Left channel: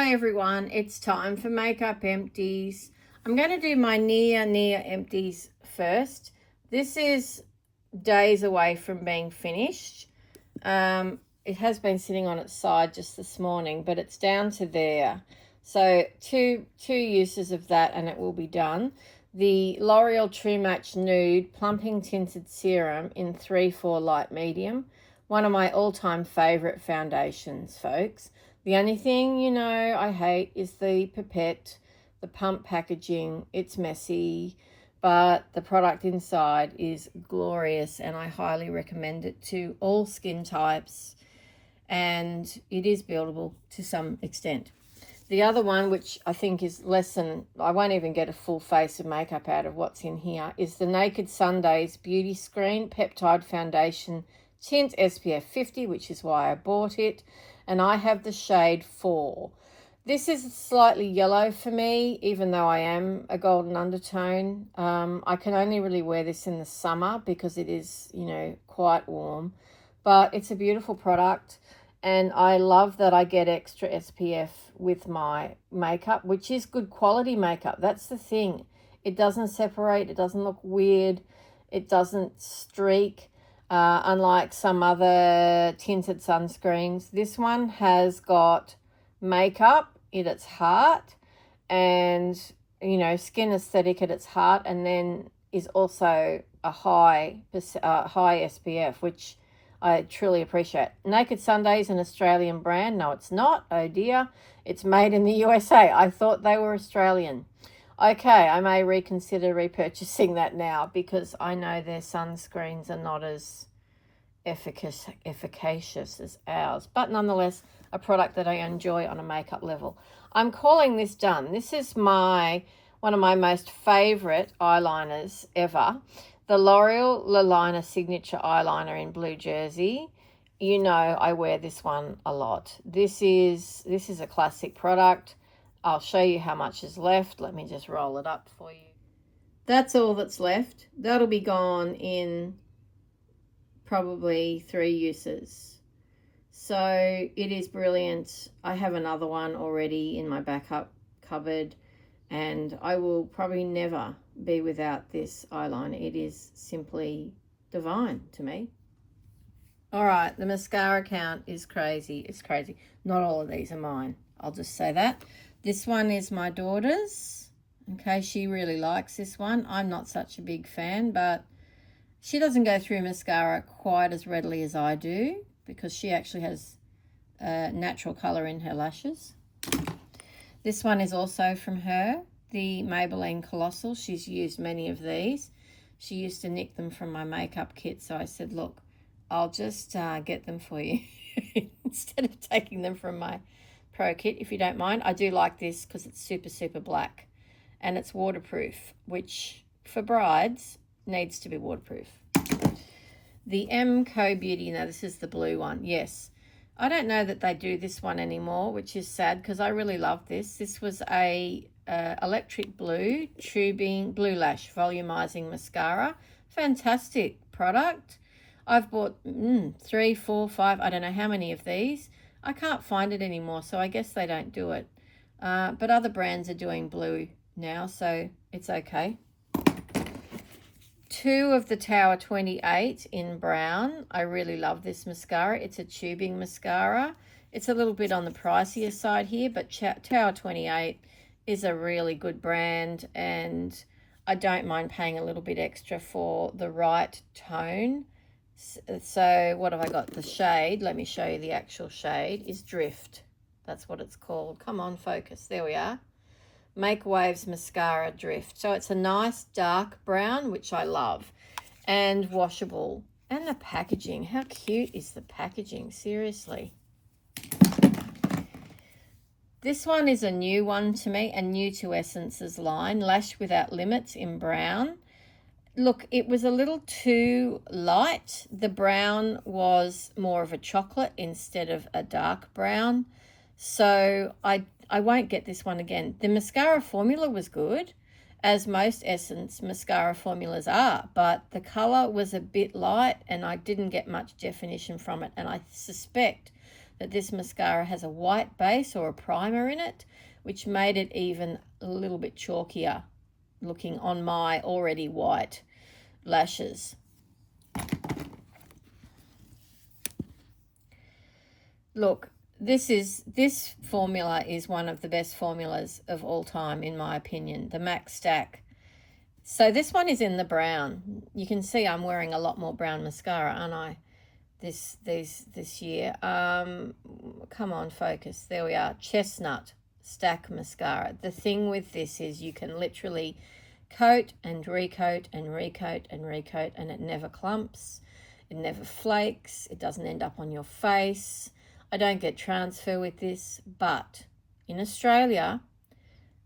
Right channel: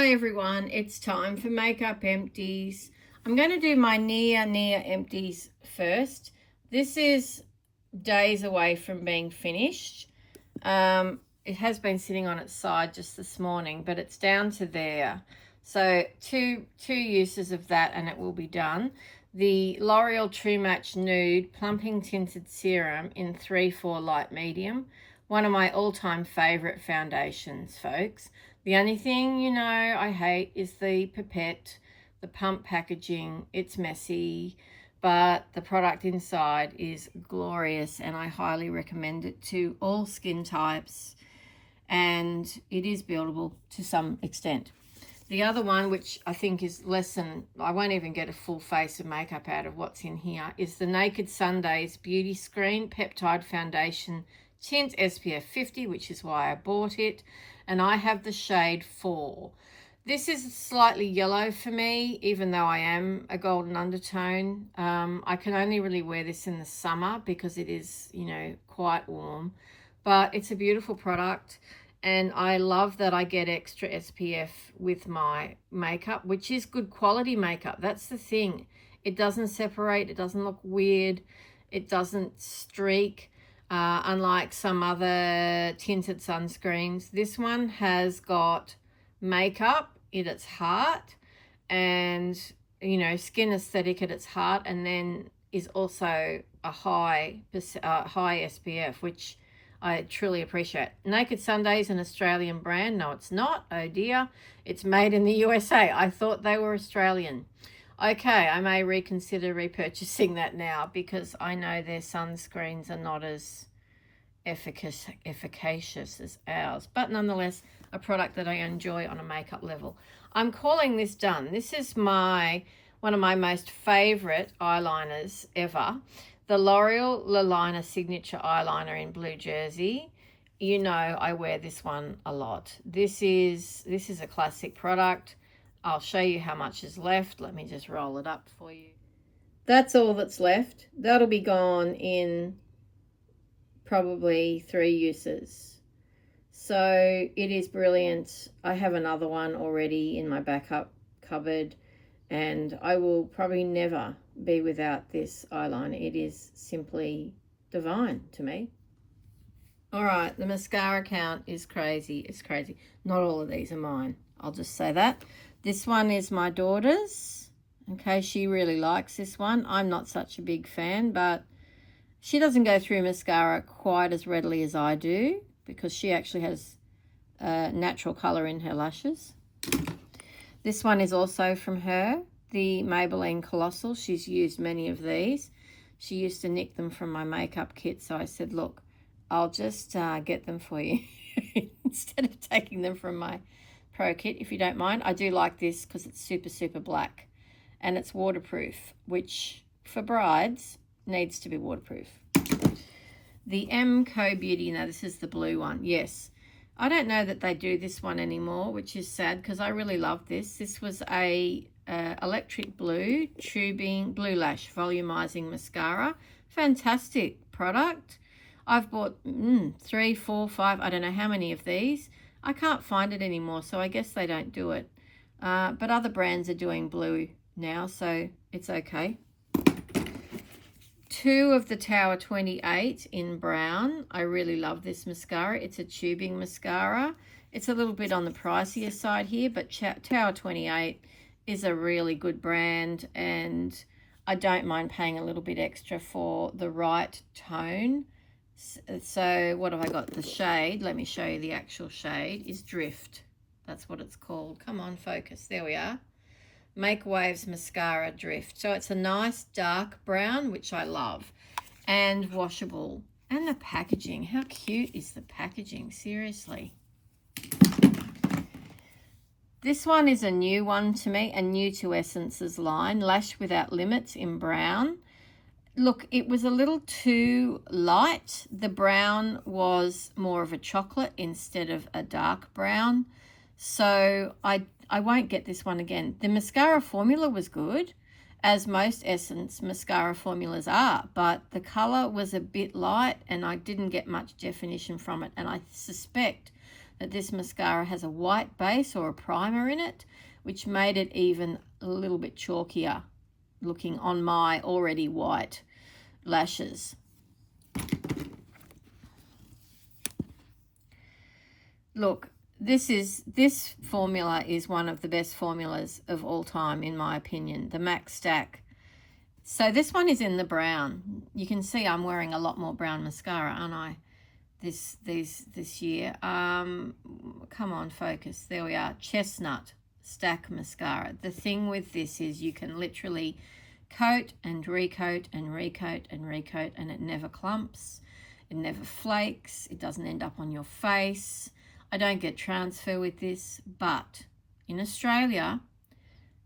Hi everyone, it's time for Makeup Empties. I'm going to do my near empties first. This is days away from being finished. It has been sitting on its side just this morning, but it's down to there. So two uses of that and it will be done. The L'Oreal True Match Nude Plumping Tinted Serum in 3-4 Light Medium. One of my all-time favourite foundations, folks. The only thing, I hate is the pipette, the pump packaging. It's messy, but the product inside is glorious and I highly recommend it to all skin types, and it is buildable to some extent. The other one, which I think is less than, I won't even get a full face of makeup out of what's in here, is the Naked Sundays Beauty Screen Peptide Foundation Tint SPF 50, which is why I bought it. And I have the shade 4. This is slightly yellow for me, even though I am a golden undertone. I can only really wear this in the summer because it is, quite warm. But it's a beautiful product. And I love that I get extra SPF with my makeup, which is good quality makeup. That's the thing. It doesn't separate. It doesn't look weird. It doesn't streak. Unlike some other tinted sunscreens, this one has got makeup at its heart and, skin aesthetic at its heart, and then is also a high SPF, which I truly appreciate. Naked Sunday is an Australian brand. No, it's not. Oh dear. It's made in the USA. I thought they were Australian. Okay, I may reconsider repurchasing that now because I know their sunscreens are not as efficacious as ours, but nonetheless a product that I enjoy on a makeup level. I'm calling this done. This is one of my most favorite eyeliners ever, the L'Oreal Eyeliner Signature Eyeliner in Blue Jersey. I wear this one a lot. This is a classic product. I'll show you how much is left. Let me just roll it up for you. That's all that's left. That'll be gone in probably 3 uses. So it is brilliant. I have another one already in my backup cupboard, and I will probably never be without this eyeliner. It is simply divine to me. All right, the mascara count is crazy. It's crazy. Not all of these are mine. I'll just say that. This one is my daughter's. Okay, she really likes this one. I'm not such a big fan, but she doesn't go through mascara quite as readily as I do because she actually has natural colour in her lashes. This one is also from her, the Maybelline Colossal. She's used many of these. She used to nick them from my makeup kit, so I said, look, I'll just get them for you instead of taking them from my pro kit, if you don't mind. I do like this because it's super black and it's waterproof, which for brides needs to be waterproof. The Co Beauty, now this is the blue one. Yes, I don't know that they do this one anymore, which is sad because I really love this. This was a electric blue tubing blue lash volumizing mascara. Fantastic product. I've bought 3, 4, 5, I don't know how many of these. I can't find it anymore, so I guess they don't do it. But other brands are doing blue now, so it's okay. 2 of the Tower 28 in brown. I really love this mascara. It's a tubing mascara. It's a little bit on the pricier side here, but Tower 28 is a really good brand, and I don't mind paying a little bit extra for the right tone. So what have I got? The shade, let me show you the actual shade, is Drift. That's what it's called. Come on, focus. There we are. Make Waves Mascara Drift. So it's a nice dark brown, which I love, and washable. And the packaging, how cute is the packaging? Seriously. This one is a new one to me, and new to Essence's line, Lash Without Limits in brown. Look, it was a little too light. The brown was more of a chocolate instead of a dark brown. So I won't get this one again. The mascara formula was good, as most Essence mascara formulas are, but the colour was a bit light and I didn't get much definition from it. And I suspect that this mascara has a white base or a primer in it, which made it even a little bit chalkier looking on my already white lashes. Look, this formula is one of the best formulas of all time, in my opinion, the Max Stack. So this one is in the brown. You can see I'm wearing a lot more brown mascara, aren't I, this year. Come on, focus. There we are. Chestnut Stack mascara. The thing with this is you can literally coat and recoat and recoat and recoat, and it never clumps, it never flakes, it doesn't end up on your face. I don't get transfer with this, but in Australia,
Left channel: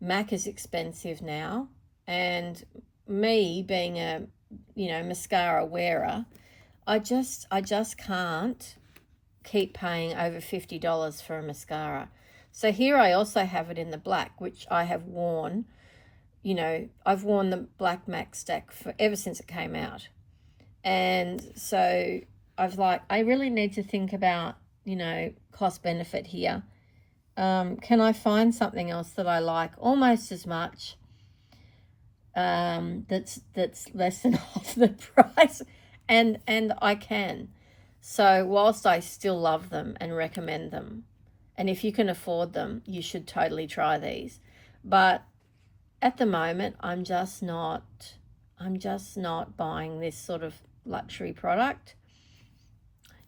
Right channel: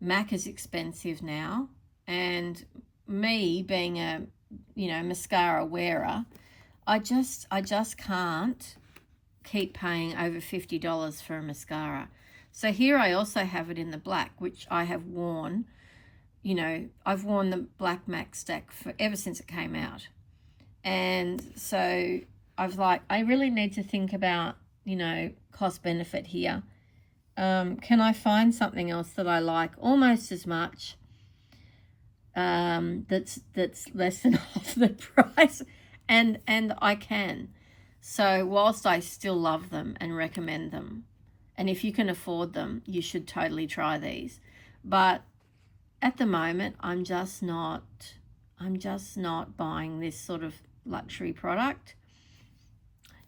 MAC is expensive now, and me being a mascara wearer, I just can't keep paying over $50 for a mascara. So here I also have it in the black, which I have worn. I've worn the black MAC Stack ever since it came out, and so I really need to think about cost benefit here. Can I find something else that I like almost as much, that's less than half the price? And I can. So whilst I still love them and recommend them, and if you can afford them, you should totally try these. But at the moment, I'm just not buying this sort of luxury product.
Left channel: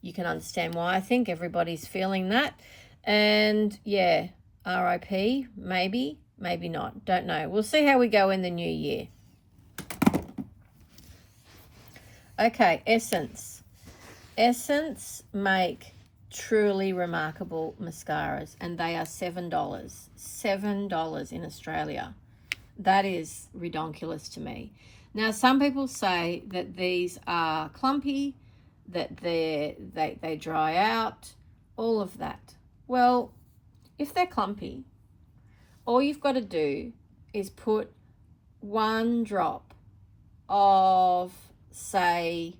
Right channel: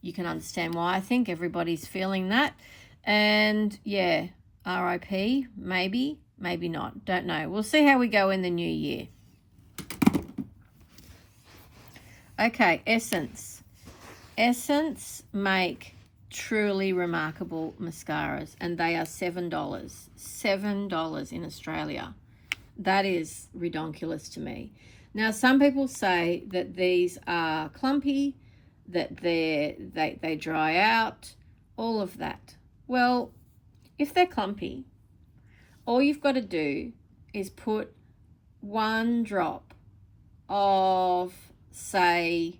You can understand why. I think everybody's feeling that. And yeah, RIP, maybe not. Don't know. We'll see how we go in the new year. Okay, Essence. Essence make truly remarkable mascaras, and they are $7. $7 in Australia. That is redonkulous to me. Now, some people say that these are clumpy, that they dry out, all of that. Well, if they're clumpy, all you've got to do is put one drop of, say,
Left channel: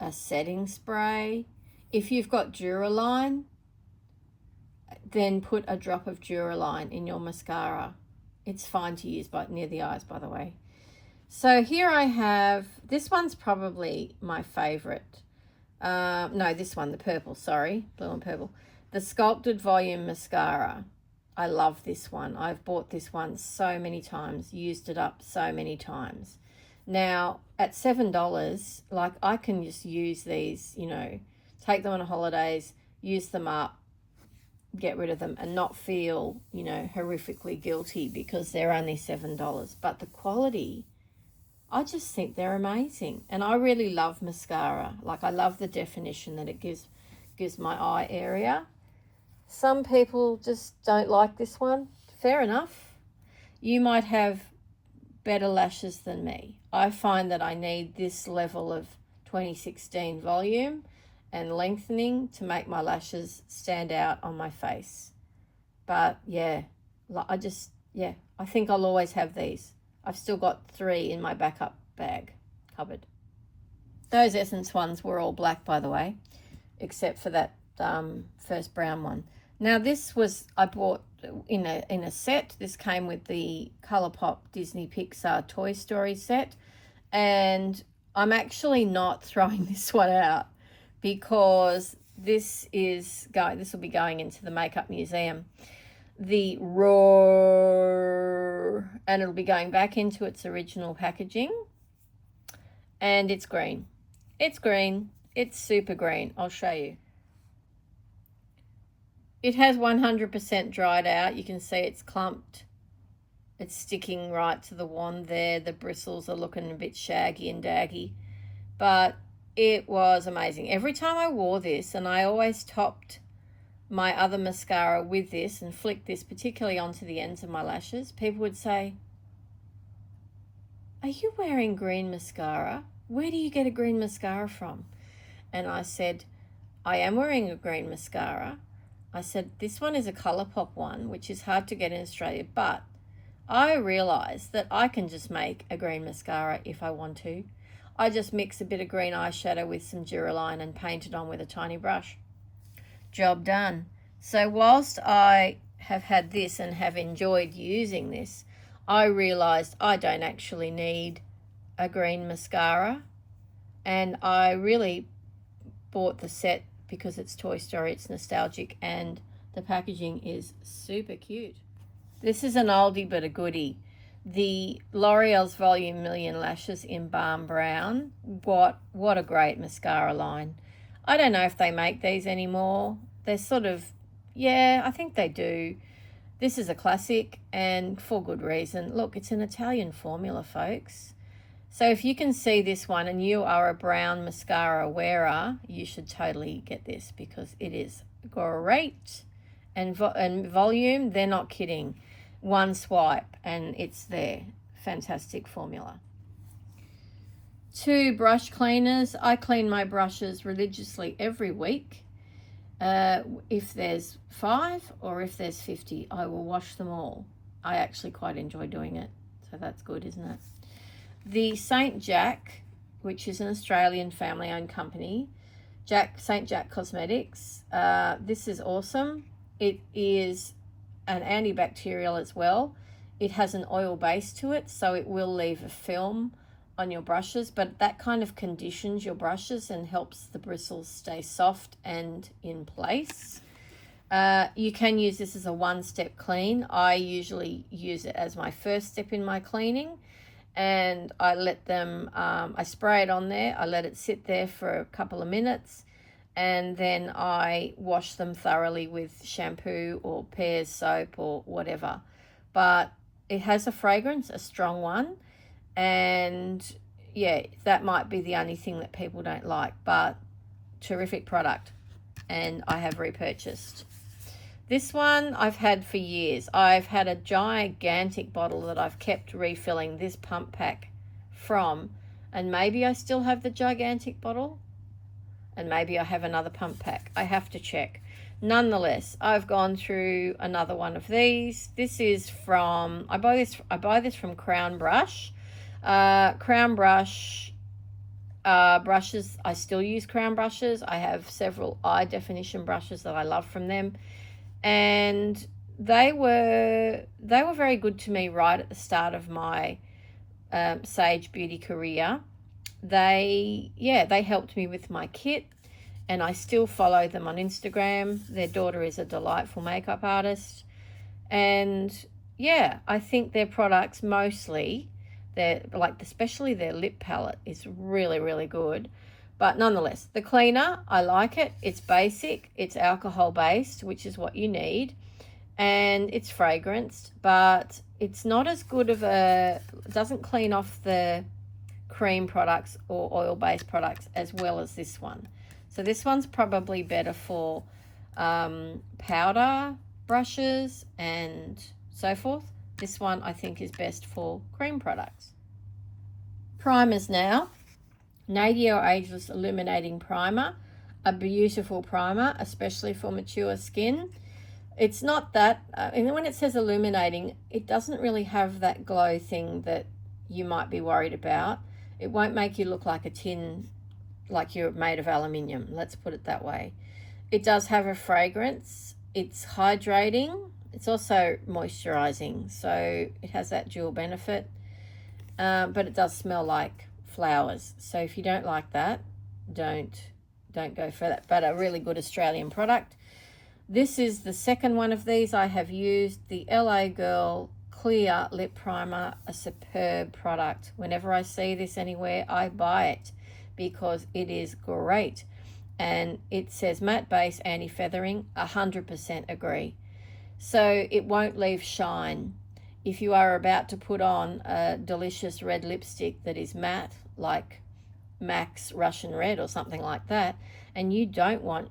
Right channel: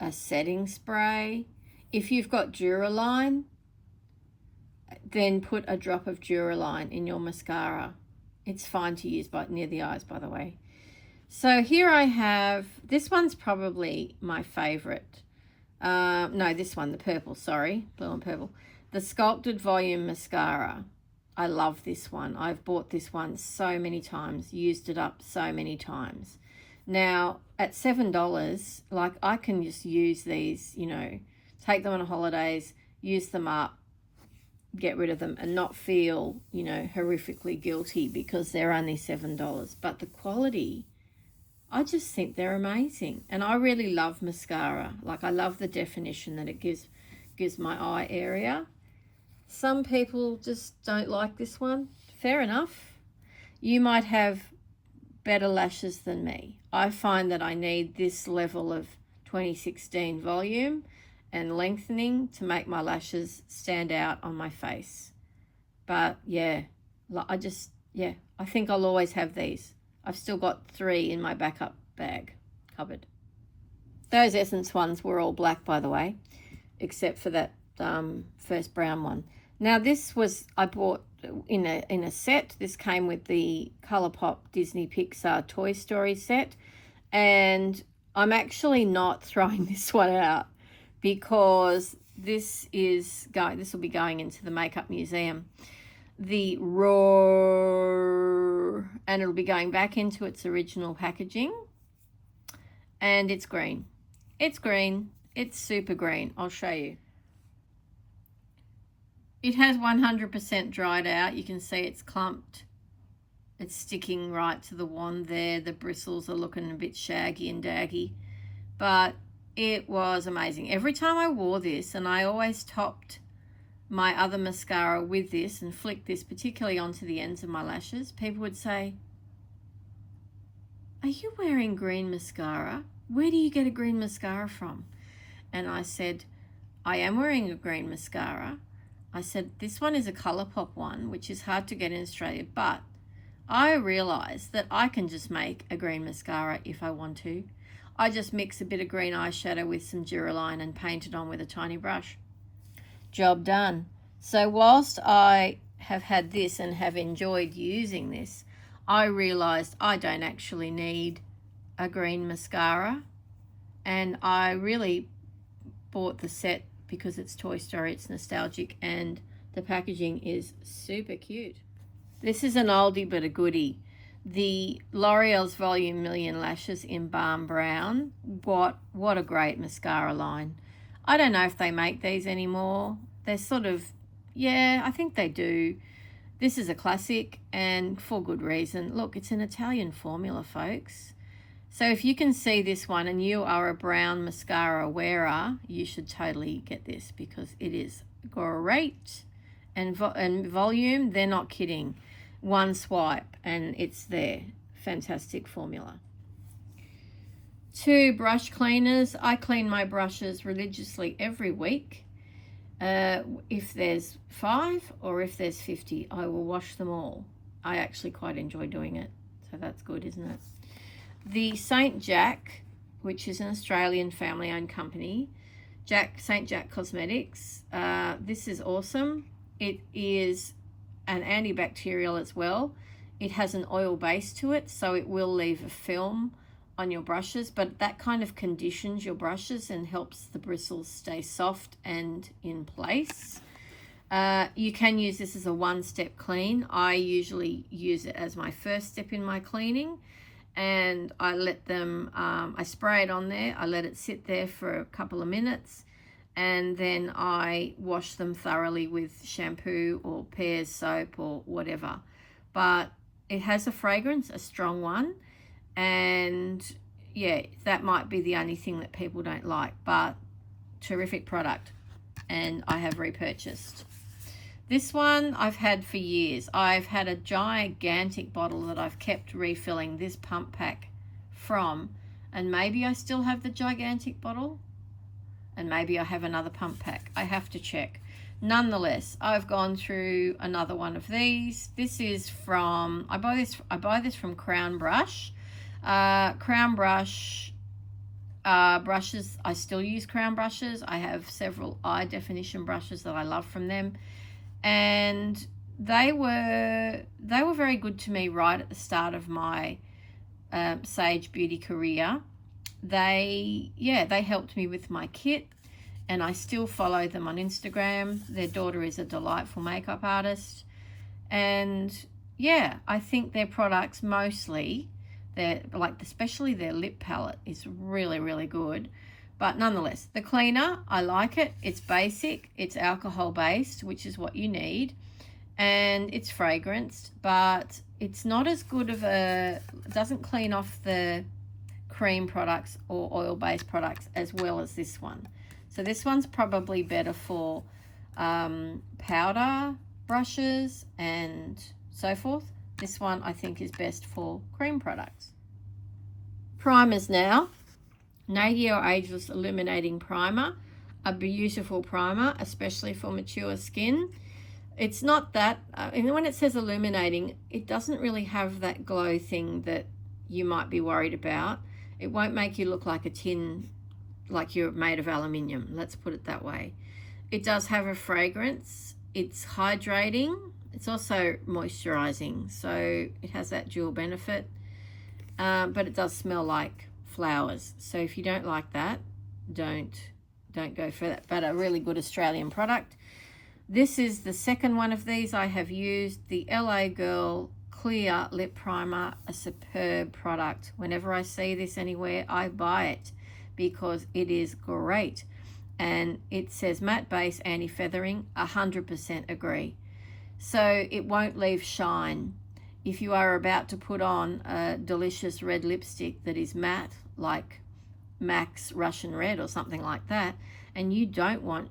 a setting spray. If you've got Duraline, then put a drop of Duraline in your mascara. It's fine to use near the eyes, by the way. So here I have, this one's probably my favorite. No, this one, the purple, sorry, blue and purple. The Sculpted Volume Mascara. I love this one. I've bought this one so many times, used it up so many times. Now, at $7, like, I can just use these, take them on holidays, use them up, get rid of them, and not feel, horrifically guilty because they're only $7. But the quality, I just think they're amazing. And I really love mascara. Like, I love the definition that it gives my eye area. Some people just don't like this one. Fair enough. You might have better lashes than me. I find that I need this level of 2016 volume and lengthening to make my lashes stand out on my face. But yeah, I think I'll always have these. I've still got 3 in my backup bag cupboard. Those Essence ones were all black, by the way, except for that first brown one. Now this was, I bought in a set. This came with the ColourPop Disney Pixar Toy Story set, and I'm actually not throwing this one out because this will be going into the Makeup Museum. The raw, and it'll be going back into its original packaging, and it's green. It's green. It's super green. I'll show you. It has 100% dried out. You can see it's clumped. It's sticking right to the wand there. The bristles are looking a bit shaggy and daggy, but it was amazing. Every time I wore this, and I always topped my other mascara with this and flicked this particularly onto the ends of my lashes, people would say, "Are you wearing green mascara? Where do you get a green mascara from?" And I said, "I am wearing a green mascara." I said, "This one is a ColourPop one, which is hard to get in Australia, but I realised that I can just make a green mascara if I want to. I just mix a bit of green eyeshadow with some Duraline and paint it on with a tiny brush." job done. So whilst I have had this and have enjoyed using this, I realised I don't actually need a green mascara, and I really bought the set because it's Toy Story, it's nostalgic, and the packaging is super cute. This is an oldie but a goodie. The L'Oreal's Volume Million Lashes in Balm Brown. What a great mascara line. I don't know if they make these anymore. They're sort of, yeah, I think they do. This is a classic, and for good reason. Look, it's an Italian formula, folks. So if you can see this one and you are a brown mascara wearer, you should totally get this because it is great. And volume, they're not kidding. One swipe and it's there. Fantastic formula. 2 brush cleaners. I clean my brushes religiously every week. If there's 5 or if there's 50, I will wash them all. I actually quite enjoy doing it, so that's good, isn't it? The St. Jack, which is an Australian family-owned company, St. Jack Cosmetics. This is awesome. It is an antibacterial as well. It has an oil base to it, so it will leave a film on your brushes, but that kind of conditions your brushes and helps the bristles stay soft and in place. You can use this as a one-step clean. I usually use it as my first step in my cleaning, and I let them, I spray it on there, I let it sit there for a couple of minutes, and then I wash them thoroughly with shampoo or Pears soap or whatever. But it has a fragrance, a strong one, and yeah, that might be the only thing that people don't like, but terrific product, and I have repurchased. This one I've had for years. I've had a gigantic bottle that I've kept refilling this pump pack from, and maybe I still have the gigantic bottle, and maybe I have another pump pack. I have to check. Nonetheless, I've gone through another one of these. This is from, I buy this from Crown Brush. Crown Brush brushes, I still use Crown brushes. I have several eye definition brushes that I love from them, and they were very good to me right at the start of my Sage Beauty career. They helped me with my kit, and I still follow them on Instagram. Their daughter is a delightful makeup artist, and yeah, I think their products mostly, especially their lip palette is really, really good. But nonetheless, the cleaner, I like it. It's basic, it's alcohol based, which is what you need, and it's fragranced, but it's not as good of it doesn't clean off the cream products or oil based products as well as this one. So this one's probably better for powder brushes and so forth. This one I think is best for cream products. Primers now. Nadio Ageless Illuminating Primer. A beautiful primer, especially for mature skin. It's not that, and when it says illuminating, it doesn't really have that glow thing that you might be worried about. It won't make you look like a tin, like you're made of aluminium, let's put it that way. It does have a fragrance. It's hydrating. It's also moisturizing, so it has that dual benefit, but it does smell like flowers. So if you don't like that, don't go for that, but a really good Australian product. This is the second one of these I have used, the LA Girl Clear Lip Primer, a superb product. Whenever I see this anywhere, I buy it because it is great. And it says matte base, anti-feathering, 100% agree. So it won't leave shine. If you are about to put on a delicious red lipstick that is matte, like MAC's Russian Red or something like that, and you don't want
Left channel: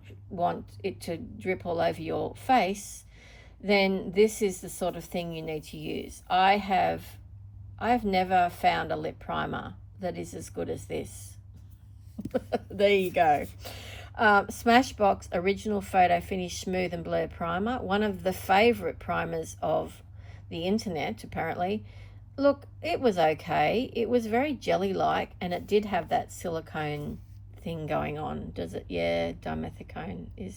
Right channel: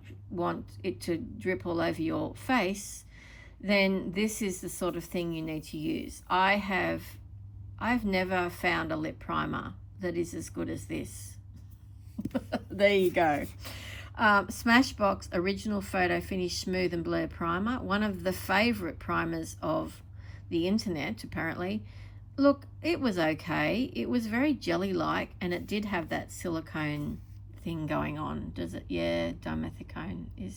it to drip all over your face, then this is the sort of thing you need to use. I've never found a lip primer that is as good as this. There you go. Smashbox Original Photo Finish Smooth and Blur Primer, one of the favorite primers of the internet apparently. Look, it was okay. It was very jelly-like, and it did have that silicone thing going on. Does it? Yeah, dimethicone is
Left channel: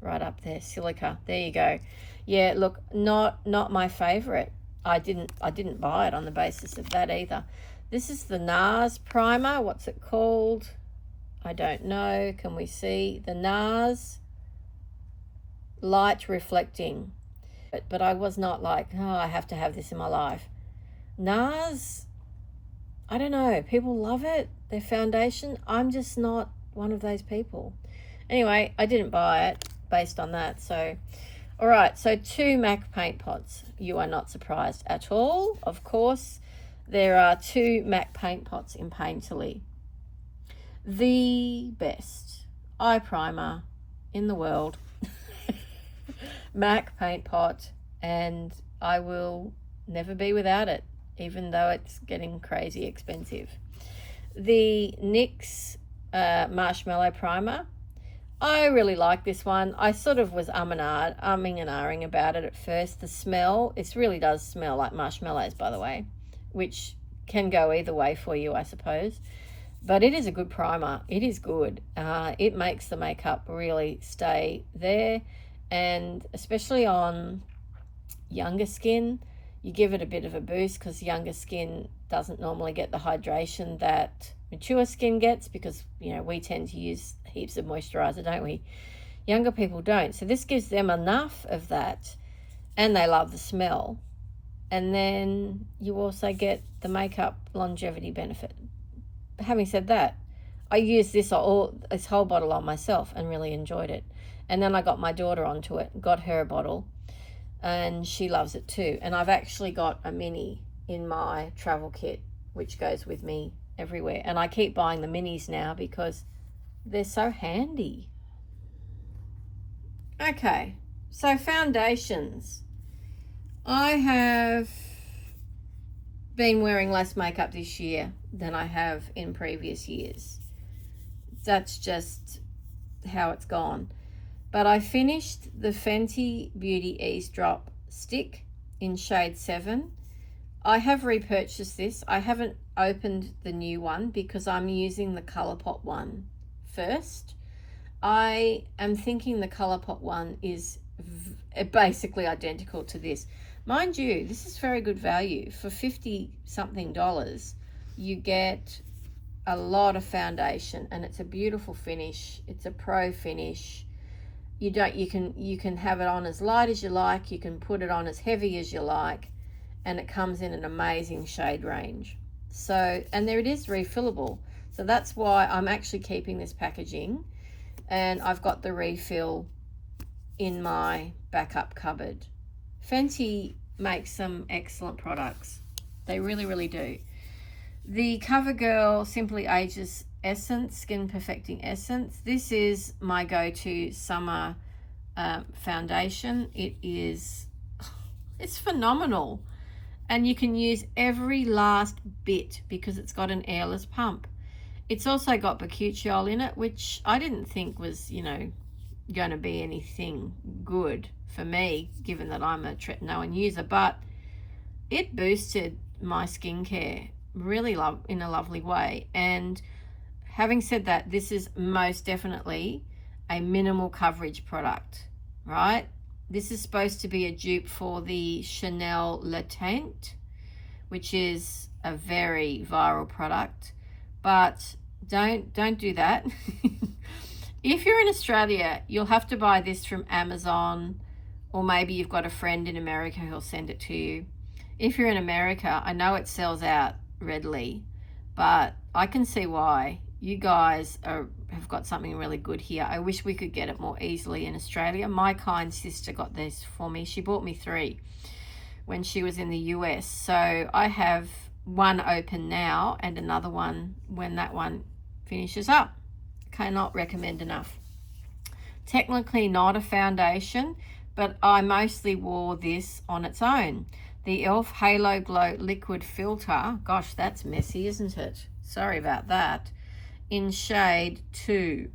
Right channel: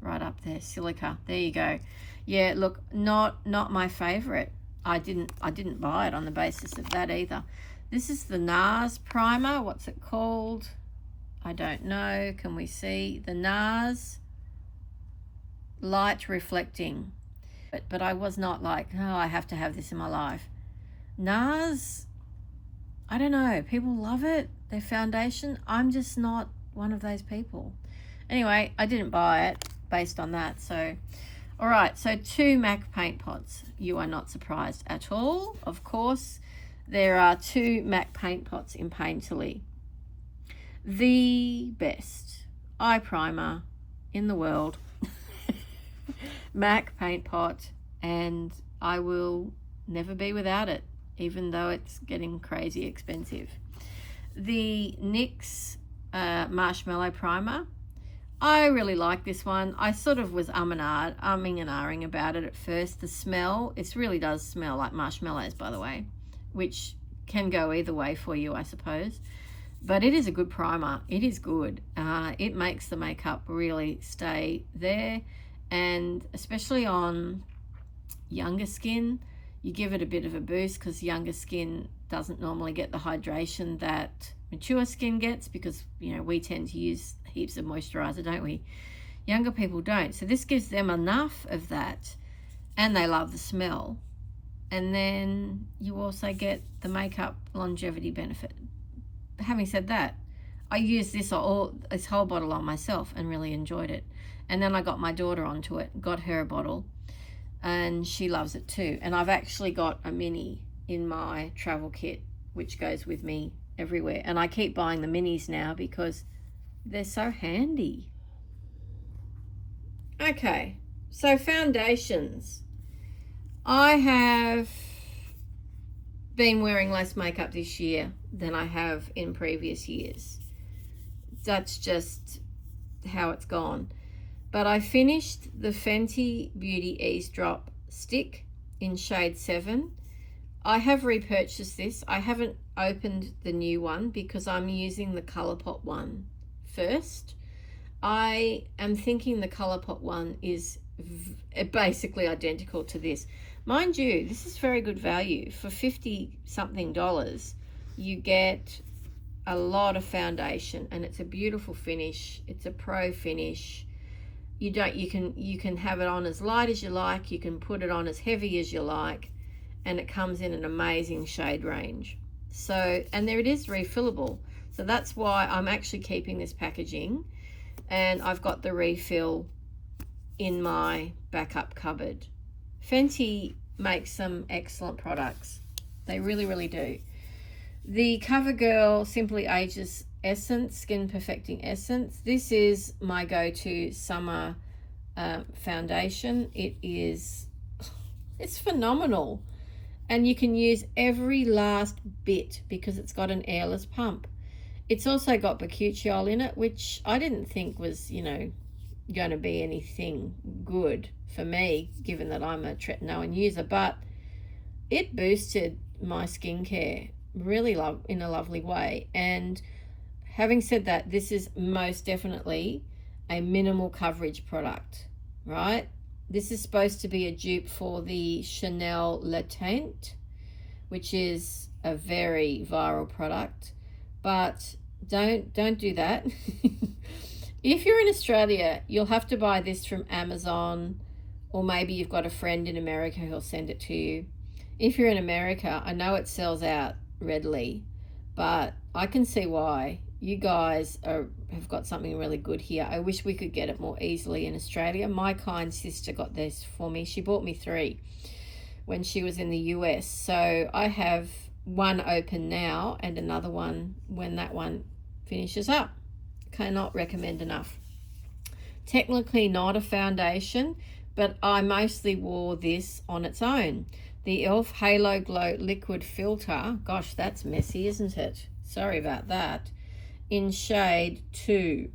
right up there, silica. There you go. Yeah, look, not my favorite. I didn't buy it on the basis of that either. This is the NARS primer. What's it called? I don't know. Can we see the NARS light reflecting? But I was not like, oh, I have to have this in my life. NARS, I don't know. People love it. Their foundation. I'm just not one of those people. Anyway, I didn't buy it based on that. So, all right. So 2 MAC paint pots. You are not surprised at all. Of course, there are 2 MAC paint pots in Painterly. The best eye primer in the world. MAC paint pot, and I will never be without it, even though it's getting crazy expensive. The NYX Marshmallow Primer. I really like this one. I sort of was umming and ahhing about it at first. The smell, it really does smell like marshmallows, by the way, which can go either way for you, I suppose. But it is a good primer. It is good. It makes the makeup really stay there, and especially on younger skin, you give it a bit of a boost, because younger skin doesn't normally get the hydration that mature skin gets, because, you know, we tend to use heaps of moisturizer, don't we? Younger people don't. So this gives them enough of that, and they love the smell. And then you also get the makeup longevity benefit. Having said that, I used this whole bottle on myself and really enjoyed it. And then I got my daughter onto it, got her a bottle, and she loves it too. And I've actually got a mini in my travel kit, which goes with me everywhere. And I keep buying the minis now because they're so handy. Okay, so foundations. I have been wearing less makeup this year than I have in previous years. That's just how it's gone. But I finished the Fenty Beauty Eavesdrop stick in shade 7. I have repurchased this. I haven't opened the new one because I'm using the Colourpop one first. I am thinking the Colourpop one is basically identical to this. Mind you, this is very good value. For $50-something, you get a lot of foundation, and it's a beautiful finish. It's a pro finish. You can have it on as light as you like, you can put it on as heavy as you like, and it comes in an amazing shade range. So, and there it is, refillable. So that's why I'm actually keeping this packaging, and I've got the refill in my backup cupboard. Fenty makes some excellent products. They really, really do. The CoverGirl Simply Ageless Essence, Skin Perfecting Essence. This is my go-to summer foundation. It's phenomenal. And you can use every last bit because it's got an airless pump. It's also got bakuchiol in it, which I didn't think was, you know, going to be anything good for me, given that I'm a tretinoin user, but it boosted my skincare really in a lovely way. And having said that, this is most definitely a minimal coverage product, right? This is supposed to be a dupe for the Chanel Le Teint, which is a very viral product, but don't do that. If you're in Australia, you'll have to buy this from Amazon, or maybe you've got a friend in America who'll send it to you. If you're in America, I know it sells out readily, but I can see why. You guys have got something really good here. I wish we could get it more easily in Australia. My kind sister got this for me. She bought me 3 when she was in the US. So I have one open now and another one when that one finishes up. Cannot recommend enough. Technically not a foundation, but I mostly wore this on its own. The e.l.f. Halo Glow Liquid Filter. Gosh, that's messy, isn't it? Sorry about that. In shade 2,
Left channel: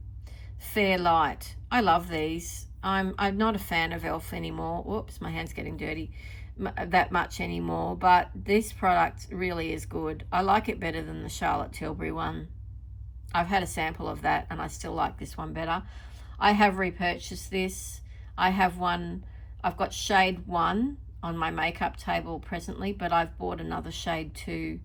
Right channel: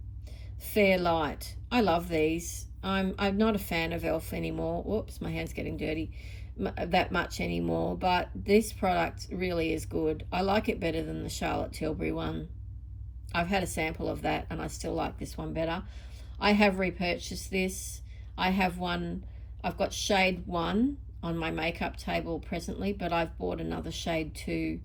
Fair Light. I love these. I'm not a fan of e.l.f. anymore. Whoops, my hand's getting dirty. That much anymore, but this product really is good. I like it better than the Charlotte Tilbury one. I've had a sample of that and I still like this one better. I have repurchased this. I have one, I've got shade 1 on my makeup table presently, but I've bought another shade 2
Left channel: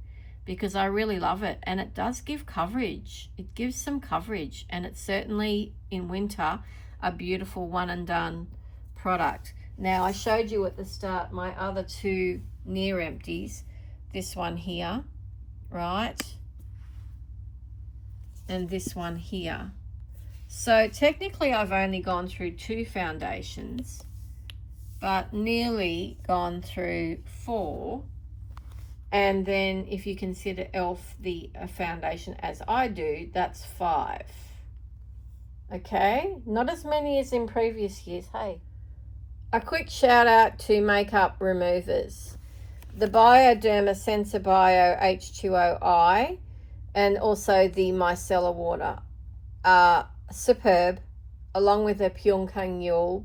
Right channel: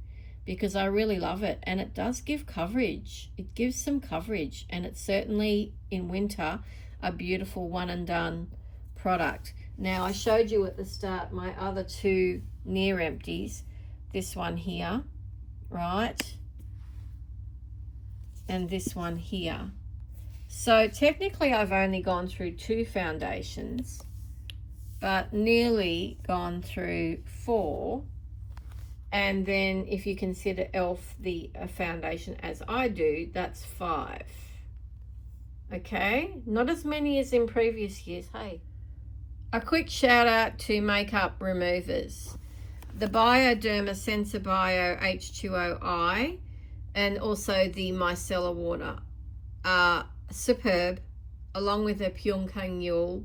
because I really love it, and it does give coverage. It gives some coverage, and it's certainly in winter a beautiful one and done product. Now, I showed you at the start my other 2 near empties, this one here, right, and this one here. So technically I've only gone through 2 foundations, but nearly gone through 4. And then if you consider e.l.f. the foundation as I do, that's 5. Okay, not as many as in previous years. Hey, a quick shout out to makeup removers. The Bioderma Sensor Bio H2O and also the micellar water are superb, along with the Pyongkang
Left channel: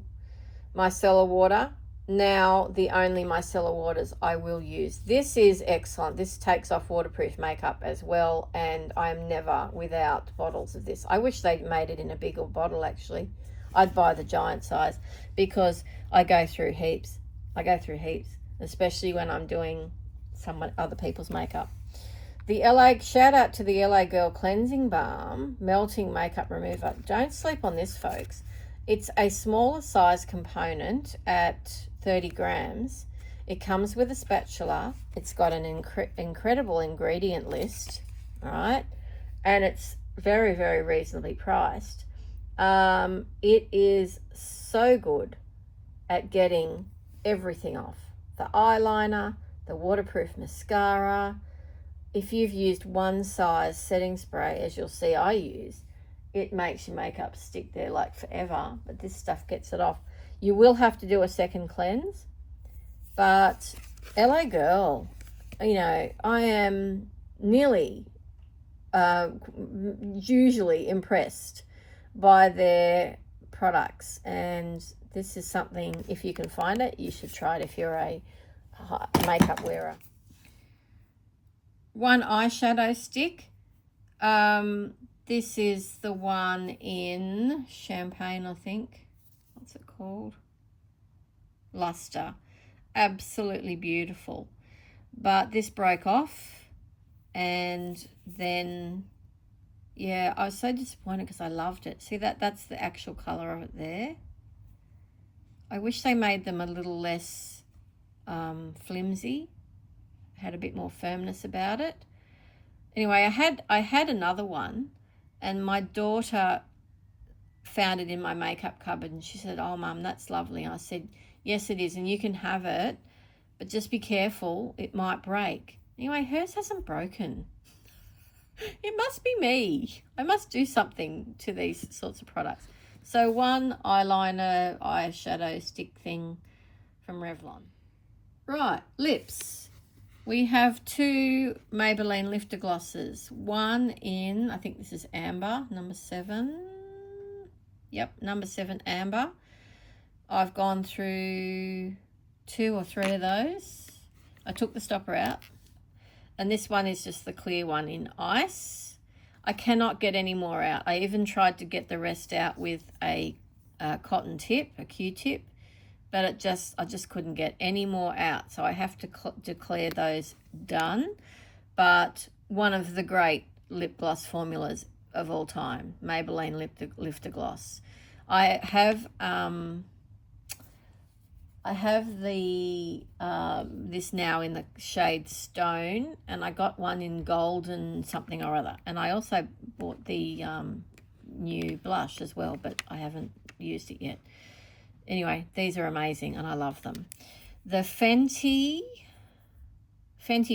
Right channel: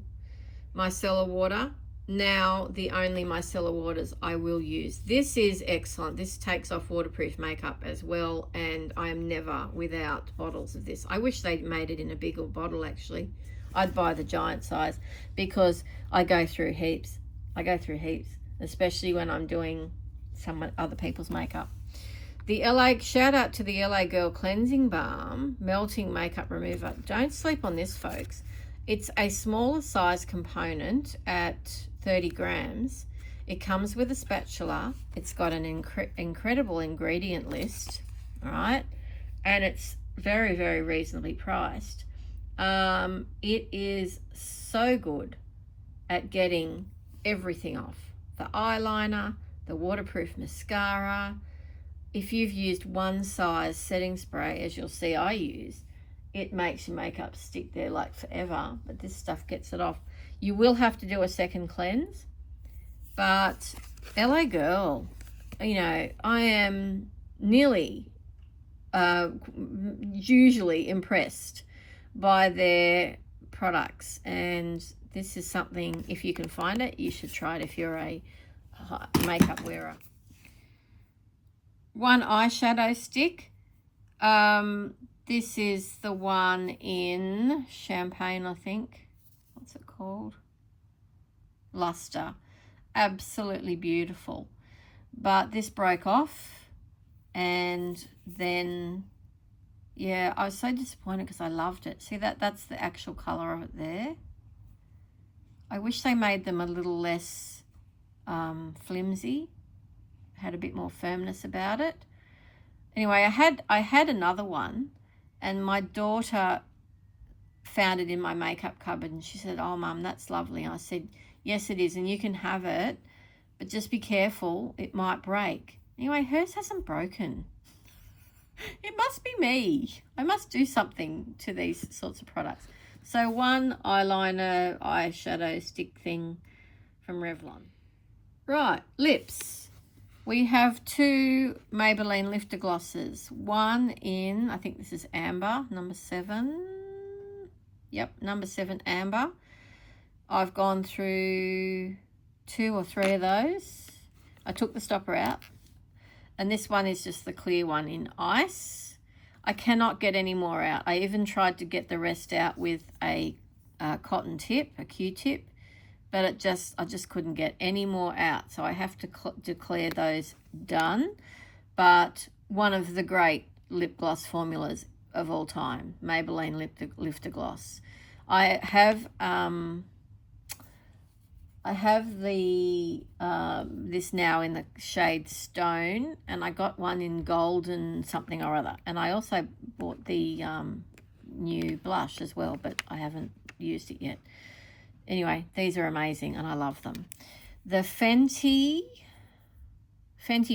micellar water. Now the only micellar waters I will use. This is excellent. This takes off waterproof makeup as well, and I'm never without bottles of this. I wish they made it in a bigger bottle actually. I'd buy the giant size because I go through heaps. Especially when I'm doing some other people's makeup. The LA, shout out to the LA Girl Cleansing Balm Melting Makeup Remover. Don't sleep on this, folks. It's a smaller size component at 30 grams. It comes with a spatula. It's got an incredible ingredient list, right? And it's very, very reasonably priced. It is so good at getting everything off. The eyeliner, the waterproof mascara. If you've used one size setting spray, as you'll see I use, it makes your makeup stick there like forever, but this stuff gets it off. You will have to do a second cleanse, but LA Girl, you know, I am nearly usually impressed by their products, and this is something, if you can find it, you should try it if you're a makeup wearer. One eyeshadow stick. This is the one in Champagne, I think. What's it called? Luster. Absolutely beautiful. But this broke off, and then, yeah, I was so disappointed because I loved it. See that's the actual colour of it there. I wish they made them a little less flimsy, had a bit more firmness about it. Anyway, I had another one, and my daughter found it in my makeup cupboard, and she said, "Oh, Mum, that's lovely." And I said, "Yes, it is, and you can have it, but just be careful, it might break." Anyway, hers hasn't broken. It must be me. I must do something to these sorts of products. So one eyeliner, eyeshadow stick thing from Revlon. Right, lips. We have 2 Maybelline Lifter Glosses. One in, I think this is Amber, number 7. Yep, number 7 Amber. I've gone through 2 or 3 of those. I took the stopper out. And this one is just the clear one in Ice. I cannot get any more out. I even tried to get the rest out with a cotton tip, a Q-tip. But I just couldn't get any more out, so I have to declare those done. But one of the great lip gloss formulas of all time, Maybelline Lifter Gloss. I have the this now in the shade Stone, and I got one in Golden something or other, and I also bought the new blush as well, but I haven't used it yet. Anyway, these are amazing and I love them. The Fenty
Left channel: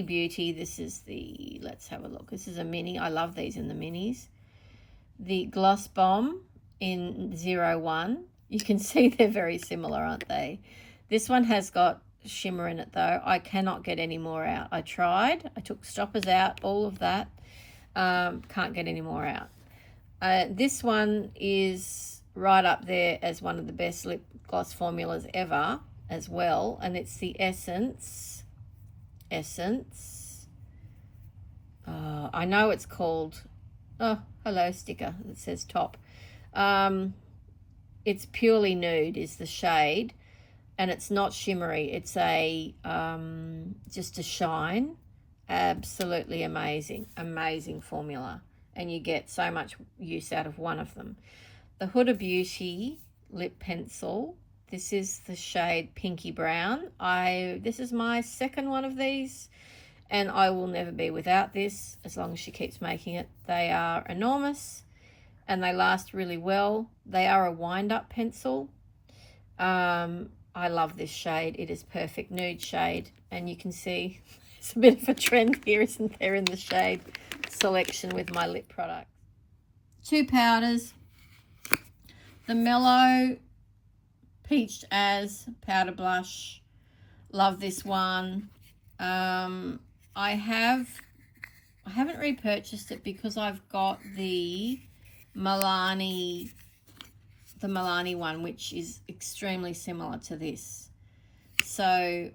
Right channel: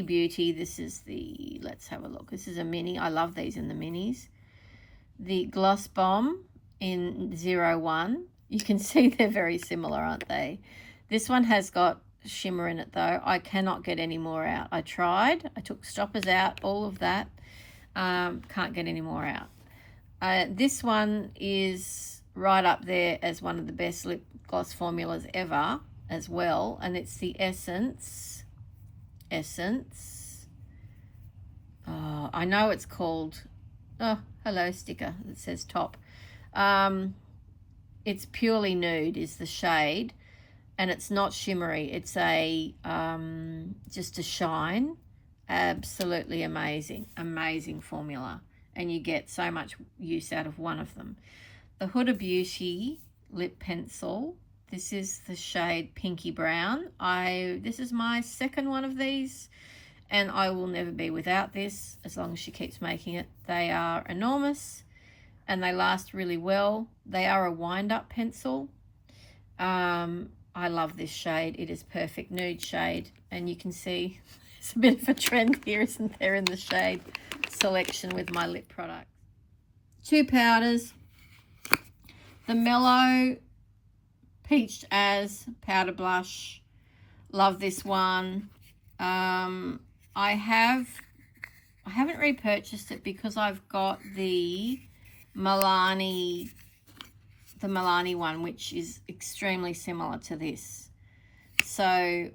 Beauty, this is the, let's have a look. This is a mini. I love these in the minis. The Gloss Bomb in 01. You can see they're very similar, aren't they? This one has got shimmer in it though. I cannot get any more out. I tried. I took stoppers out, all of that. Can't get any more out. This one is right up there as one of the best lip gloss formulas ever as well, and it's the Essence. I know it's called, oh, hello sticker that says top. it's purely nude is the shade, and it's not shimmery. It's a just a shine. Absolutely amazing, amazing formula, and you get so much use out of one of them. The Huda Beauty lip pencil. This is the shade Pinky Brown. This is my second one of these, and I will never be without this as long as she keeps making it. They are enormous and they last really well. They are a wind-up pencil. I love this shade. It is perfect nude shade, and you can see it's a bit of a trend here, isn't there, in the shade selection with my lip products. Two powders. The Mellow Peached As powder blush. Love this one. I haven't repurchased it because I've got the Milani one, which is extremely similar to this. So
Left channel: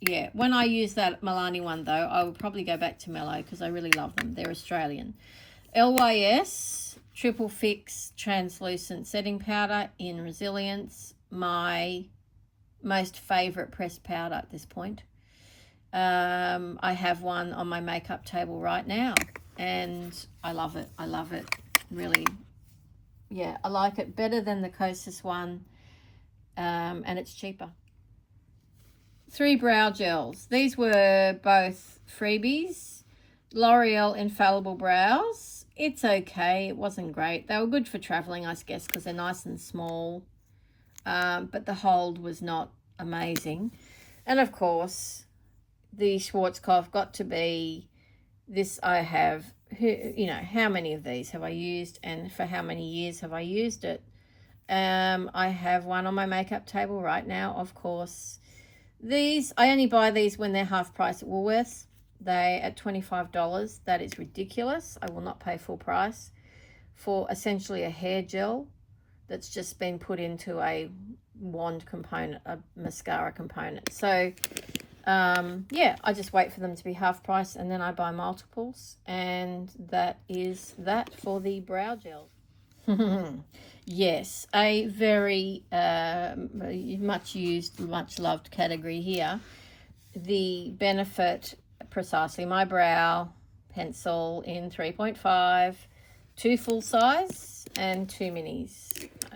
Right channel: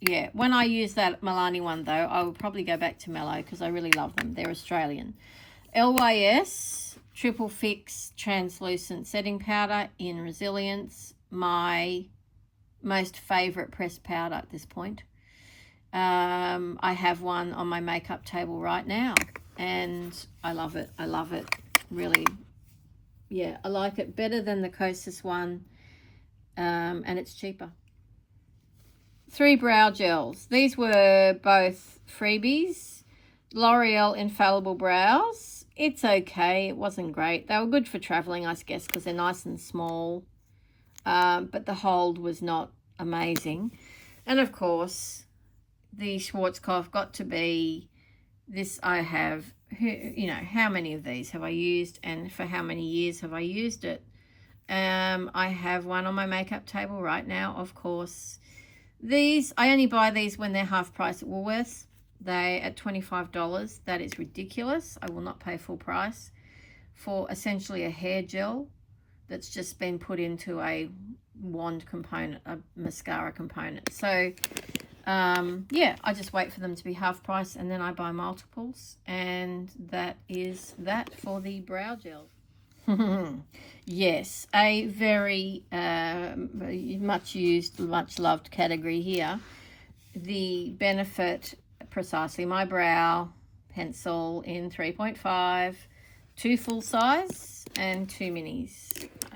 yeah, when I use that Milani one though, I will probably go back to Mellow because I really love them. They're Australian. LYS Triple Fix Translucent Setting Powder in Resilience. My most favourite pressed powder at this point. I have one on my makeup table right now, and I love it. I love it. Really, yeah, I like it better than the Kosas one, and it's cheaper. 3 brow gels. These were both freebies. L'Oreal Infallible Brows. It's okay. It wasn't great. They were good for traveling, I guess, because they're nice and small. But the hold was not amazing. And of course, the Schwarzkopf got to be this. I have, you know, how many of these have I used and for how many years have I used it? I have one on my makeup table right now, of course. These, I only buy these when they're half price at Woolworths. They at $25. That is ridiculous. I will not pay full price for essentially a hair gel that's just been put into a wand component, a mascara component. So yeah, I just wait for them to be half price and then I buy multiples, and that is that for the brow gel. Yes, a very much used, much loved category here. The Benefit Precisely My Brow pencil in 3.5, 2 full size and 2 minis.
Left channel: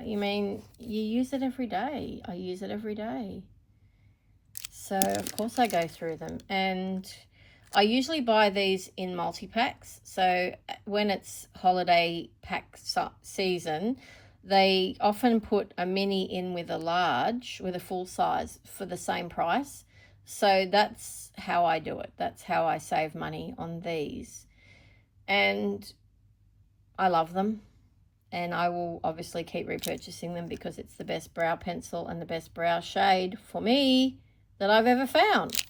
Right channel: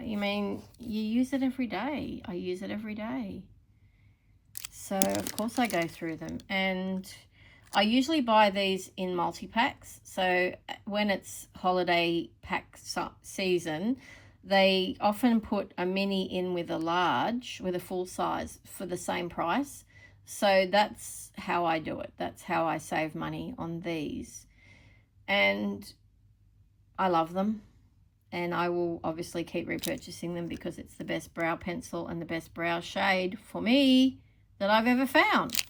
You mean, you use it every day. I use it every day. So of course I go through them, and I usually buy these in multi-packs. So when it's holiday pack season, they often put a mini in with a large, with a full size for the same price. So that's how I do it. That's how I save money on these. And I love them. And I will obviously keep repurchasing them because it's the best brow pencil and the best brow shade for me that I've ever found.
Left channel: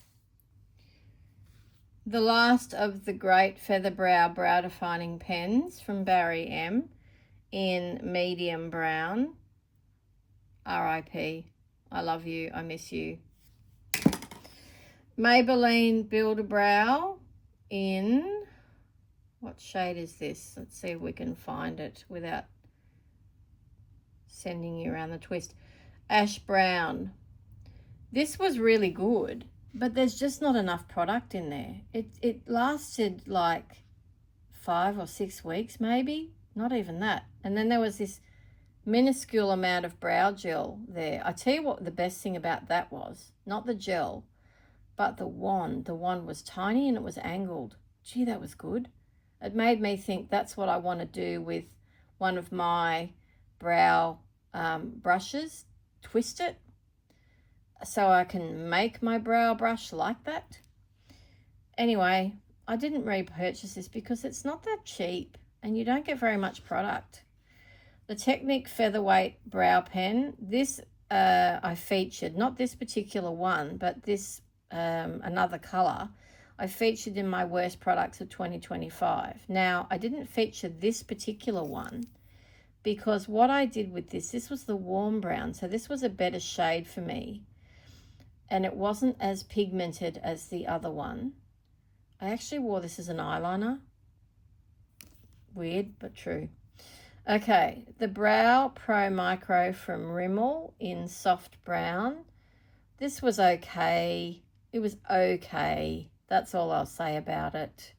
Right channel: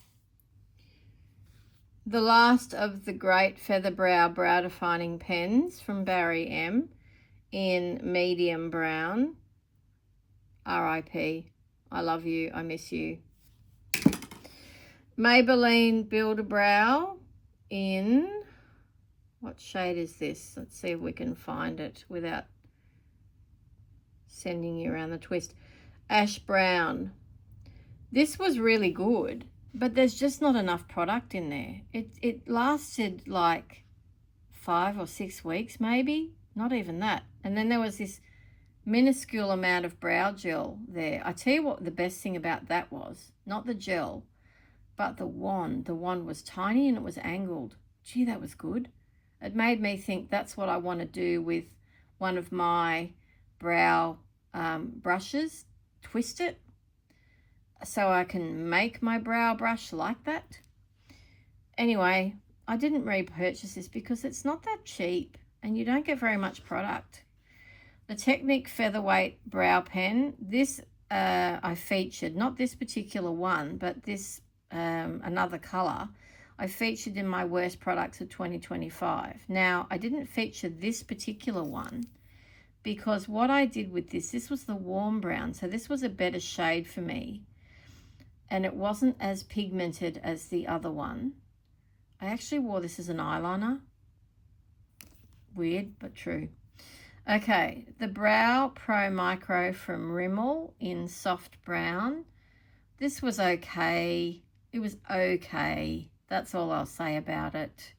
The last of the great Feather Brow Brow Defining Pens from Barry M in medium brown. R.I.P. I love you. I miss you. Maybelline Build a Brow in, what shade is this? Let's see if we can find it without sending you around the twist. Ash Brown. This was really good, but there's just not enough product in there. It lasted like 5 or 6 weeks maybe, not even that. And then there was this minuscule amount of brow gel there. I tell you what the best thing about that was, not the gel, but the wand. The wand was tiny and it was angled. Gee, that was good. It made me think that's what I want to do with one of my brow brushes. Twist it so I can make my brow brush like that. Anyway, I didn't repurchase this because it's not that cheap and you don't get very much product. The Technic Featherweight Brow Pen. This I featured, not this particular one, but this another color. I featured in my worst products of 2025. Now, I didn't feature this particular one because what I did with this was the warm brown. So this was a better shade for me. And it wasn't as pigmented as the other one. I actually wore this as an eyeliner. Weird, but true. Okay, the Brow Pro Micro from Rimmel in soft brown. This was okay. It was okay. That's all I'll say about it.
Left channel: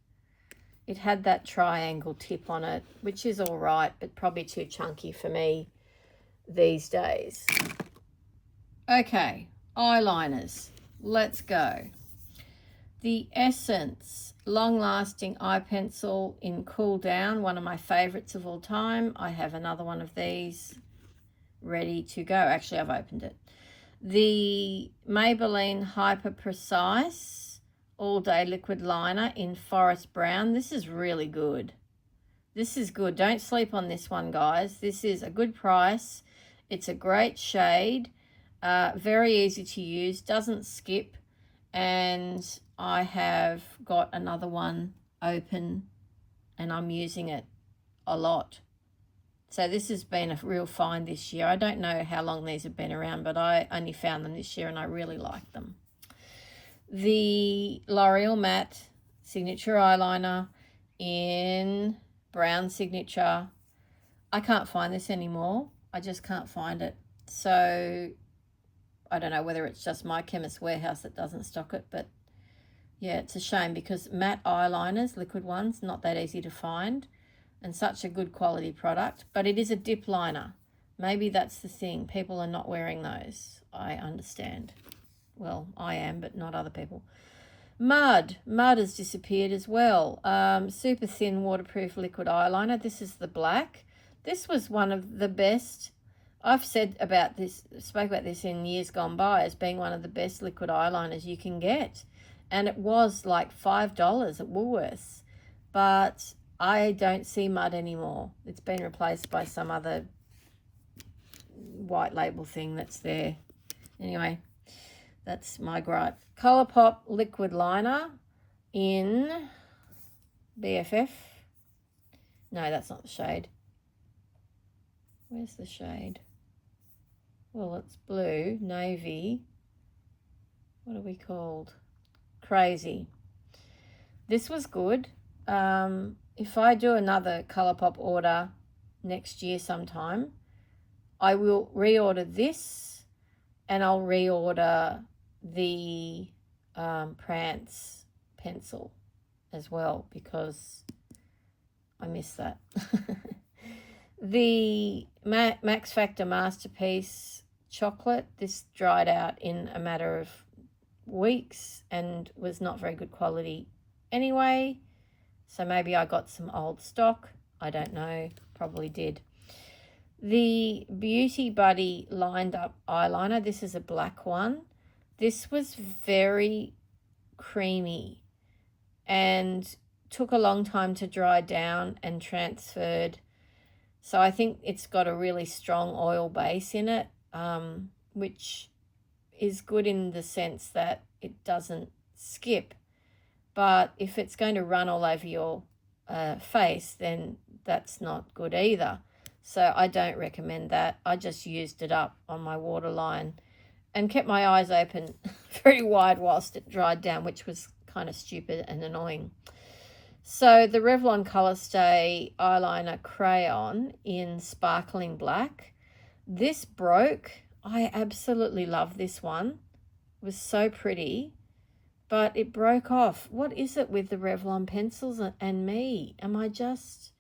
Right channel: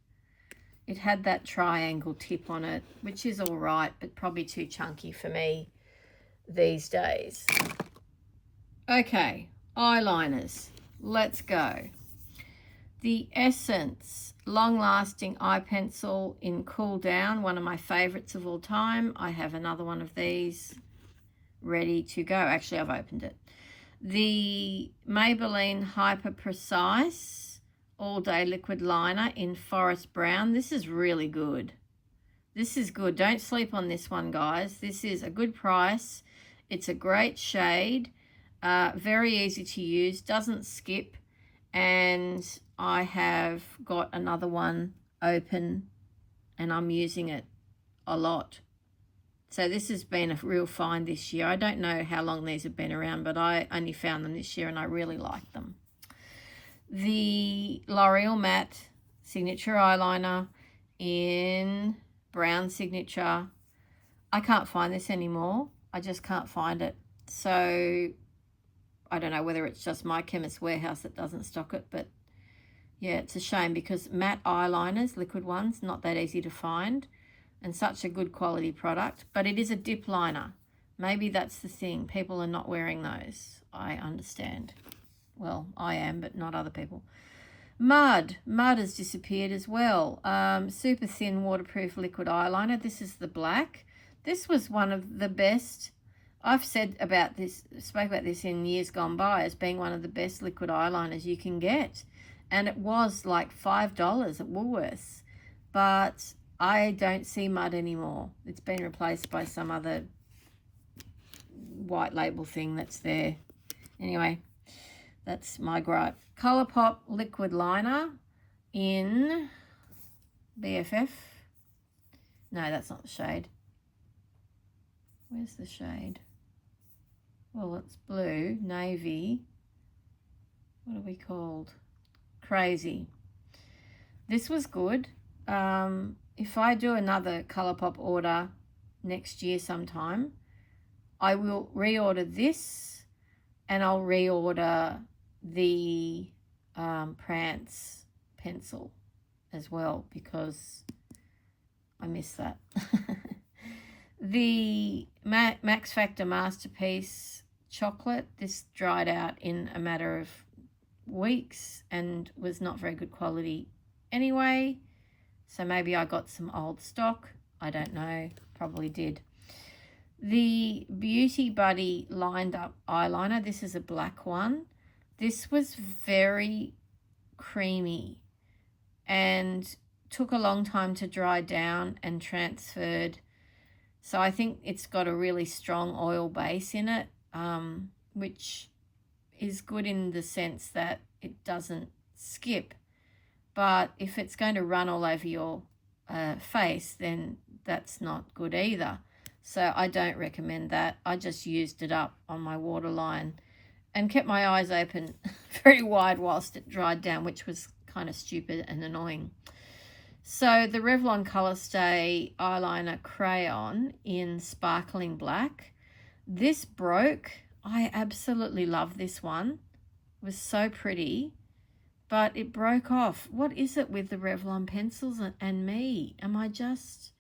It had that triangle tip on it, which is all right, but probably too chunky for me these days. Okay, eyeliners. Let's go. The Essence Long Lasting Eye Pencil in Cool Down, one of my favorites of all time. I have another one of these ready to go. Actually, I've opened it. The Maybelline Hyper Precise All Day Liquid Liner in Forest Brown. This is really good. This is good. Don't sleep on this one, guys. This is a good price. It's a great shade. Very easy to use. Doesn't skip. And I have got another one open and I'm using it a lot. So this has been a real find this year. I don't know how long these have been around, but I only found them this year and I really like them. The L'Oreal Matte Signature Eyeliner in Brown Signature. I can't find this anymore. I just can't find it. So I don't know whether it's just my Chemist Warehouse that doesn't stock it, but yeah, it's a shame because matte eyeliners, liquid ones, not that easy to find. And such a good quality product, but it is a dip liner. Maybe that's the thing. People are not wearing those. I understand. Well, I am, but not other people. Mud has disappeared as well. Super thin waterproof liquid eyeliner. This is the black. This was one of the best. I've spoke about this in years gone by as being one of the best liquid eyeliners you can get. And it was like $5 at Woolworths. But I don't see Mud anymore. It's been replaced by some other white label thing that's there. Anyway, that's my gripe. Colourpop liquid liner in BFF. No, that's not the shade. Where's the shade? Well, it's blue, navy. What are we called? Crazy. This was good. If I do another Colourpop order next year sometime, I will reorder this and I'll reorder the Prance pencil as well because I miss that. The Max Factor Masterpiece Chocolate, this dried out in a matter of weeks and was not very good quality anyway. So maybe I got some old stock. I don't know. Probably did. The Beauty Buddy Lined Up Eyeliner. This is a black one. This was very creamy and took a long time to dry down and transferred. So I think it's got a really strong oil base in it, which is good in the sense that it doesn't skip. But if it's going to run all over your face, then that's not good either. So I don't recommend that. I just used it up on my waterline and kept my eyes open very wide whilst it dried down, which was kind of stupid and annoying. So the Revlon Colorstay Eyeliner Crayon in Sparkling Black. This broke. I absolutely love this one. It was so pretty. But it broke off. What is it with the Revlon pencils and me? Am I just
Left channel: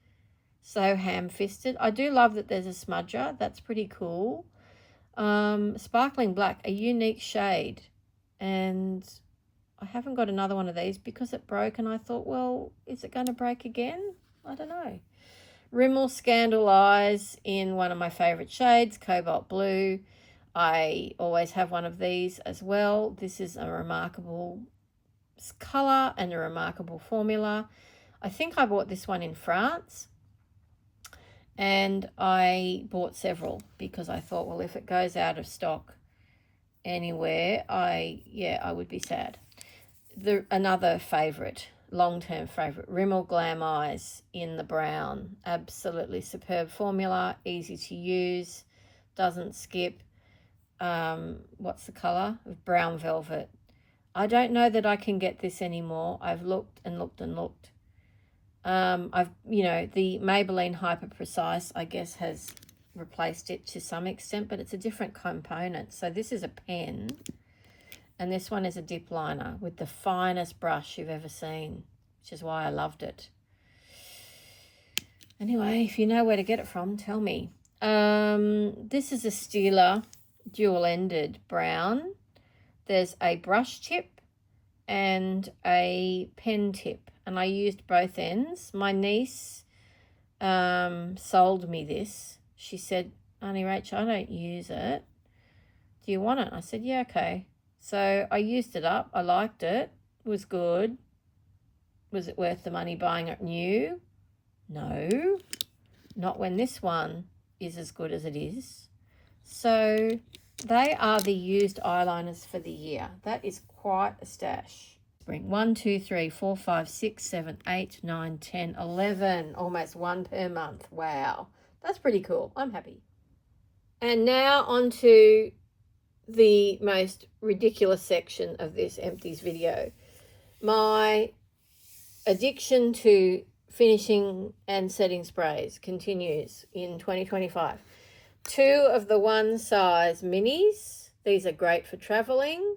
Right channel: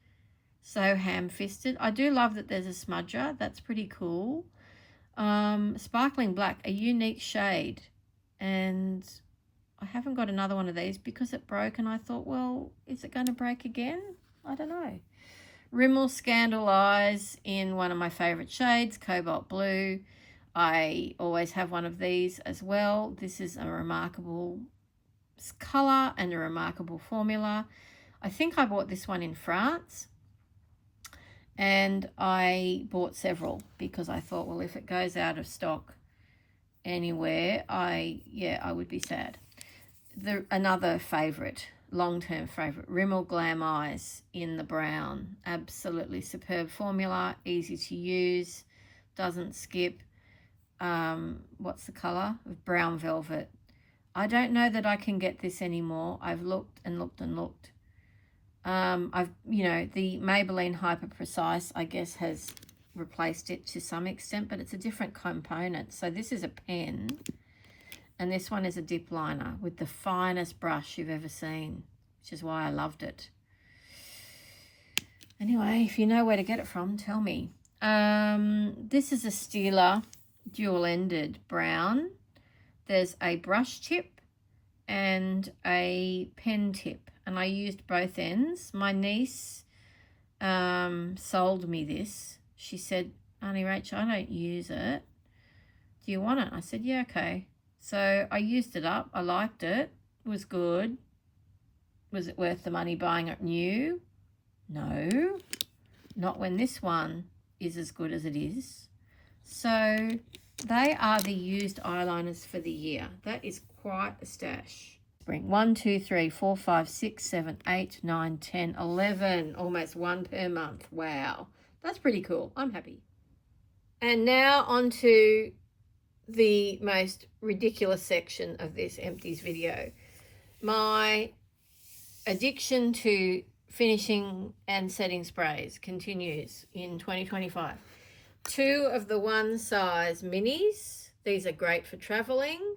so ham-fisted? I do love that there's a smudger. That's pretty cool. Sparkling Black, a unique shade. And I haven't got another one of these because it broke. And I thought, well, is it going to break again? I don't know. Rimmel Scandal Eyes in one of my favourite shades, Cobalt Blue. I always have one of these as well. This is a remarkable colour and a remarkable formula. I think I bought this one in France and I bought several because I thought, well, if it goes out of stock anywhere, I would be sad. Another favourite, long-term favourite, Rimmel Glam Eyes in the brown. Absolutely superb formula, easy to use, doesn't skip. What's the colour? Brown Velvet. I don't know that I can get this anymore. I've looked and looked and looked. the Maybelline Hyper Precise, I guess, has replaced it to some extent, but it's a different component. So this is a pen, and this one is a dip liner with the finest brush you've ever seen, which is why I loved it. Anyway, if you know where to get it from, tell me. This is a Stila dual-ended brown. There's a brush tip and a pen tip, and I used both ends. My niece sold me this. She said, "Auntie Rachel, I don't use it. Do you want it?" I said, "Yeah, okay." So I used it up. I liked it. It was good. Was it worth the money buying it new? No, not when this one is as good as it is. So they are the used eyeliners for the year. That is quite a stash. Bring 1, 2, 3, 4, 5, 6, 7, 8, 9, 10, 11, almost one per month. Wow, that's pretty cool. I'm happy. And now on to the most ridiculous section of this Empties video. My addiction to finishing and setting sprays continues in 2025. 2 of the one size minis. These are great for traveling,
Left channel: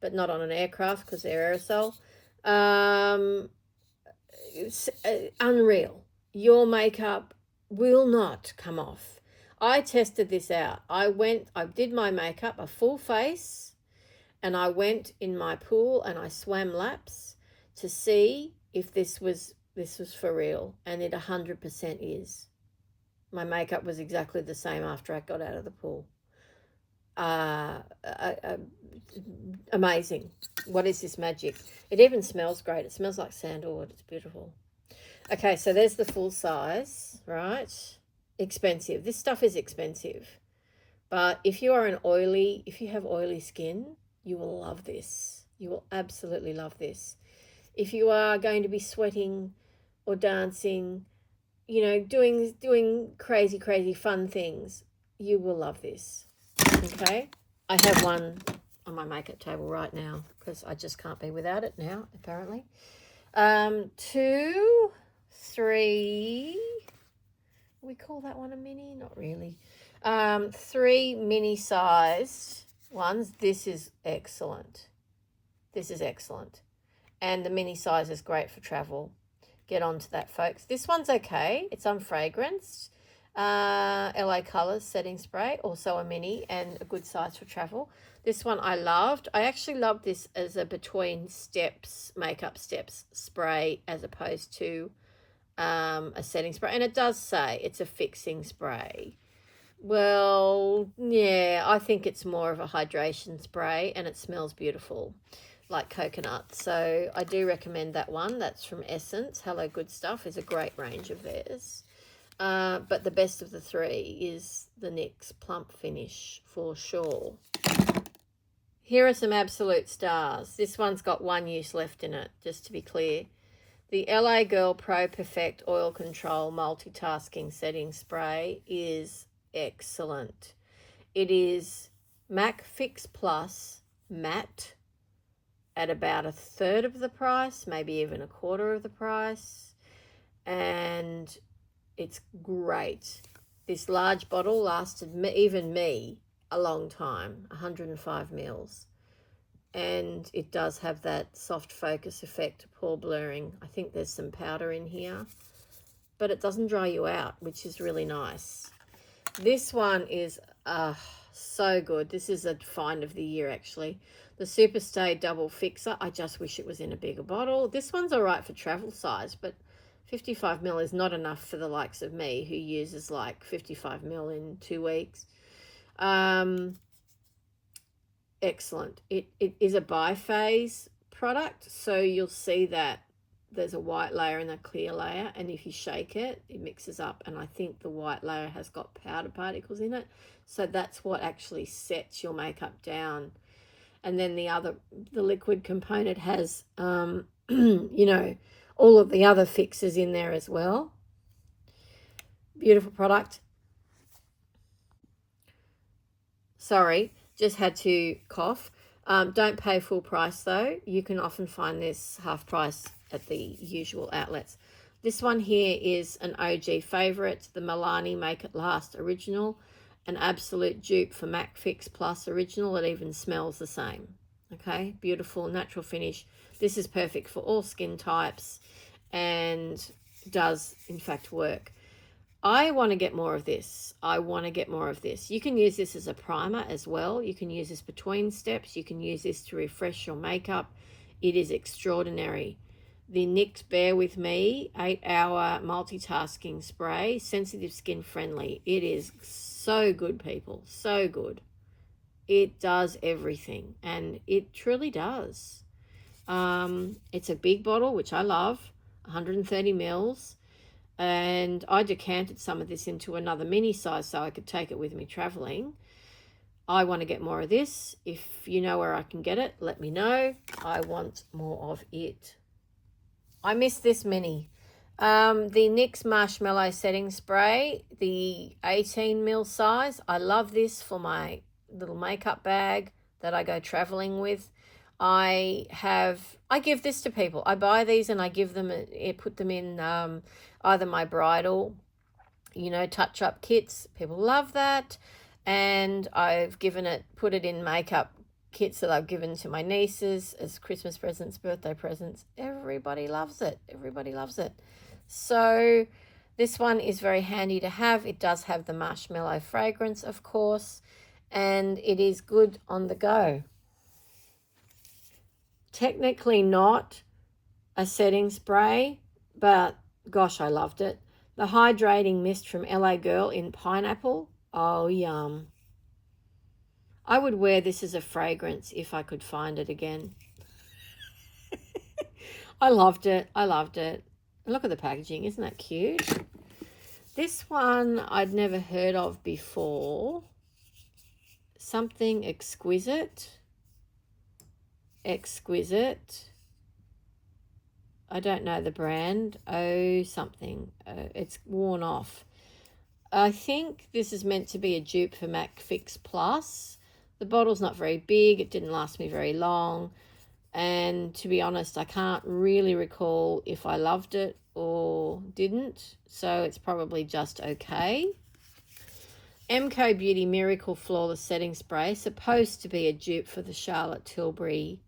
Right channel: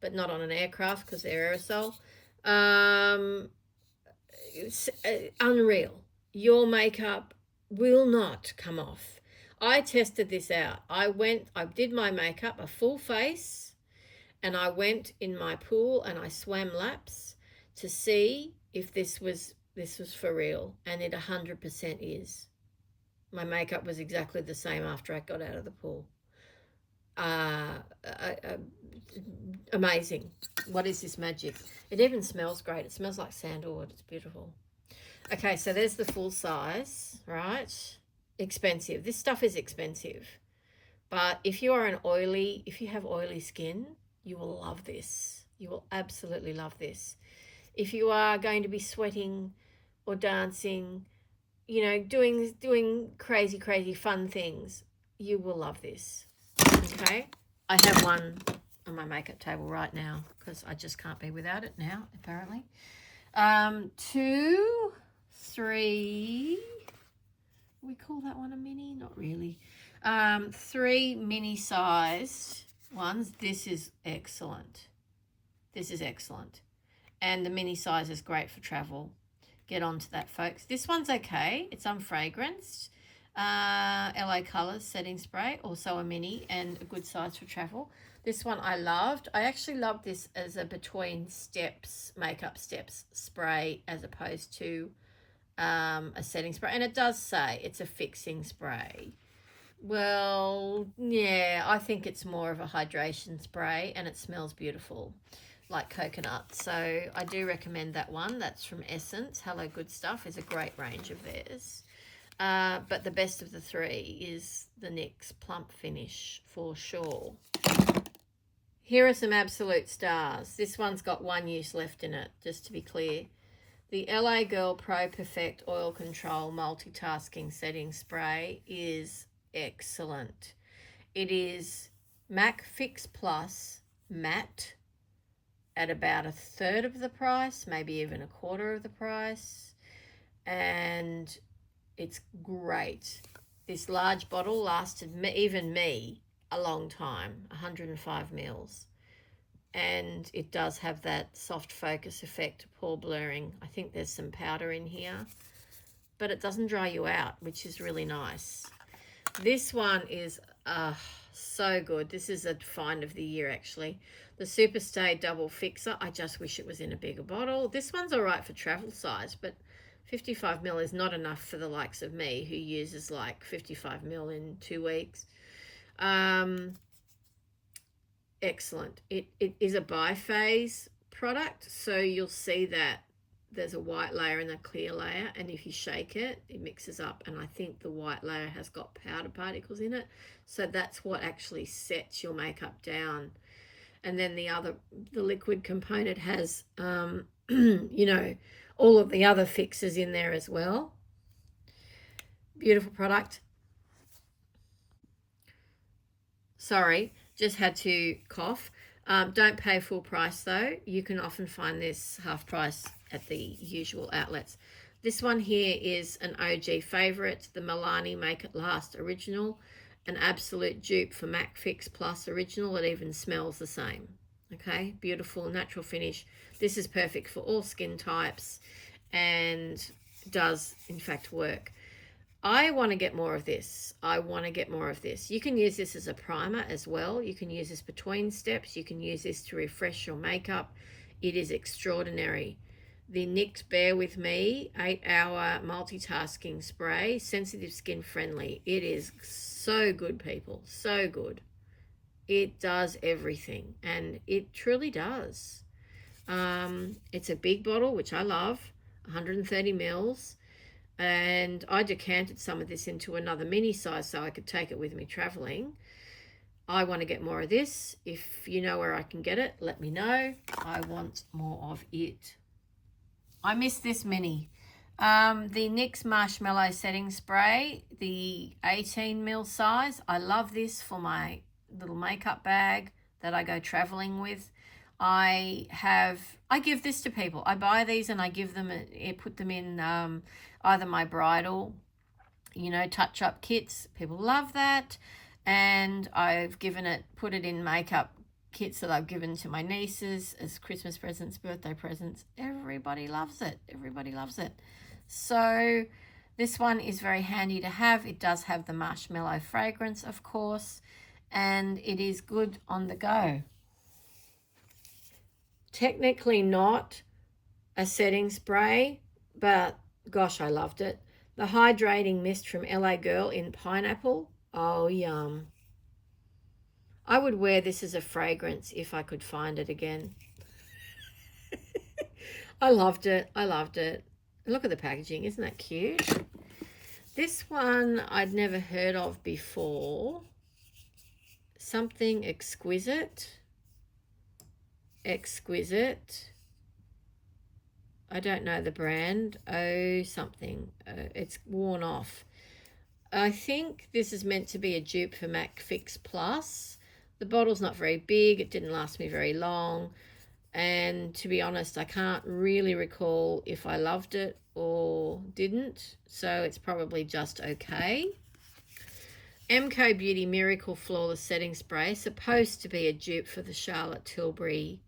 but not on an aircraft because they're aerosol. It's unreal. Your makeup will not come off. I tested this out. I did my makeup, a full face, and I went in my pool and I swam laps to see if this was for real, and it 100% is. My makeup was exactly the same after I got out of the pool. Amazing. What is this magic? It even smells great. It smells like sandalwood. It's beautiful. Okay, so there's the full size, right? Expensive. This stuff is expensive. But if you have oily skin, you will love this. You will absolutely love this. If you are going to be sweating or dancing, doing crazy fun things, you will love this. Okay, I have one on my makeup table right now because I just can't be without it now, apparently. 2, 3, we call that one a mini? Not really. 3 mini sized ones. This is excellent. This is excellent. And the mini size is great for travel. Get onto that, folks. This one's okay. It's unfragranced. LA Colors setting spray, also a mini and a good size for travel. This one I loved. I actually love this as a between steps, makeup steps spray as opposed to a setting spray. And it does say it's a fixing spray. Well, yeah, I think it's more of a hydration spray, and it smells beautiful, like coconut. So I do recommend that one. That's from Essence. Hello Good Stuff is a great range of theirs. But the best of the 3 is the NYX Plump Finish for sure. Here are some absolute stars. This one's got 1 use left in it, just to be clear. The LA Girl Pro Perfect Oil Control Multitasking Setting Spray is excellent. It is MAC Fix Plus matte at about 1/3 of the price, maybe even 1/4 of the price, and it's great. This large bottle lasted even me a long time, 105 mils, and it does have that soft focus effect, pore blurring. I think there's some powder in here, but it doesn't dry you out, which is really nice. This one is so good. This is a find of the year, actually. The Superstay Double Fixer. I just wish it was in a bigger bottle. This one's all right for travel size, but 55 ml is not enough for the likes of me, who uses like 55 ml in 2 weeks. Excellent. It is a biphase product, so you'll see that there's a white layer and a clear layer, and if you shake it, it mixes up, and I think the white layer has got powder particles in it, so that's what actually sets your makeup down. And then the liquid component has all of the other fixes in there as well. Beautiful product. Sorry, just had to cough. Don't pay full price though. You can often find this half price at the usual outlets. This one here is an OG favourite, the Milani Make It Last Original, an absolute dupe for MAC Fix Plus Original. It even smells the same. Okay, beautiful natural finish. This is perfect for all skin types and does in fact work. I want to get more of this. I want to get more of this. You can use this as a primer as well. You can use this between steps. You can use this to refresh your makeup. It is extraordinary. The NYX Bear With Me 8-hour multitasking spray, sensitive skin friendly. It is so good, people, so good. It does everything, and it truly does. It's a big bottle, which I love, 130 mils, and I decanted some of this into another mini size so I could take it with me traveling. I want to get more of this. If you know where I can get it, let me know. I want more of it. I miss this mini. The NYX Marshmallow Setting Spray, the 18 mil size. I love this for my little makeup bag that I go traveling with. I give this to people. I buy these and I give them, put them in either my bridal, touch-up kits. People love that. And I've put it in makeup kits that I've given to my nieces as Christmas presents, birthday presents. Everybody loves it. Everybody loves it. So this one is very handy to have. It does have the marshmallow fragrance, of course, and it is good on the go. Technically not a setting spray, but gosh, I loved it. The Hydrating Mist from LA Girl in Pineapple. Oh, yum. I would wear this as a fragrance if I could find it again. I loved it. I loved it. Look at the packaging. Isn't that cute? This one I'd never heard of before. Something exquisite. Exquisite. I don't know the brand. Oh, something. It's worn off. I think this is meant to be a dupe for MAC Fix Plus. The bottle's not very big. It didn't last me very long. And to be honest, I can't really recall if I loved it or didn't. So it's probably just okay. MCO Beauty Miracle Flawless Setting Spray. Supposed to be a dupe for the Charlotte Tilbury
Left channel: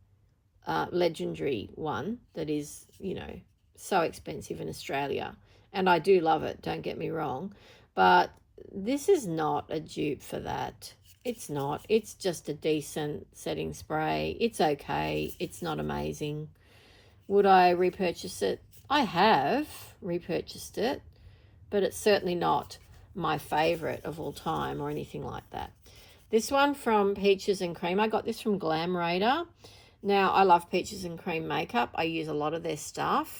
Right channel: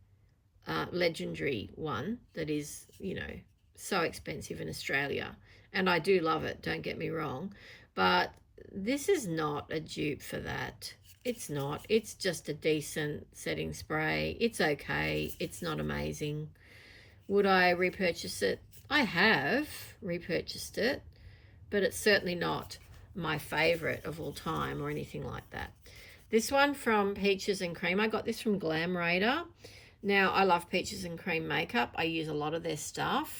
legendary one that is, so expensive in Australia. And I do love it, don't get me wrong. But this is not a dupe for that. It's not. It's just a decent setting spray. It's okay. It's not amazing. Would I repurchase it? I have repurchased it, but it's certainly not my favorite of all time or anything like that. This one from Peaches and Cream. I got this from Glam Raider. Now, I love Peaches and Cream makeup. I use a lot of their stuff,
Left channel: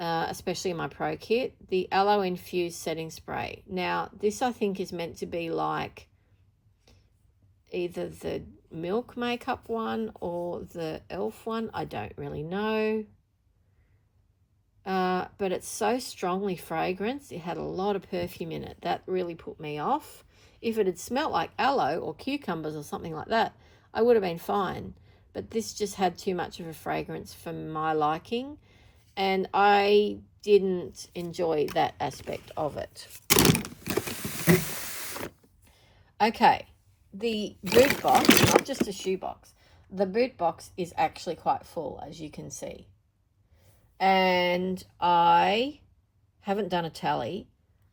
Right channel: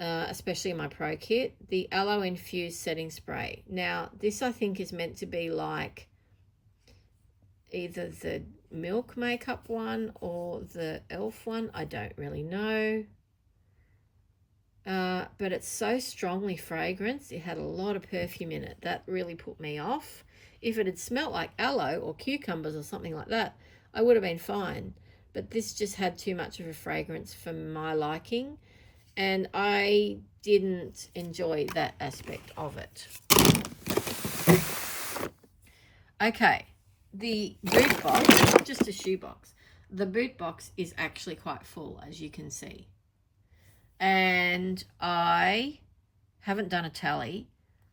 especially in my Pro Kit. The Aloe Infused Setting Spray. Now, this I think is meant to be like either the Milk makeup one or the e.l.f. one. I don't really know. But it's so strongly fragranced. It had a lot of perfume in it. That really put me off. If it had smelled like aloe or cucumbers or something like that, I would have been fine. But this just had too much of a fragrance for my liking. And I didn't enjoy that aspect of it. Okay. The boot box, not just a shoe box, the boot box is actually quite full, as you can see. And I haven't done a tally,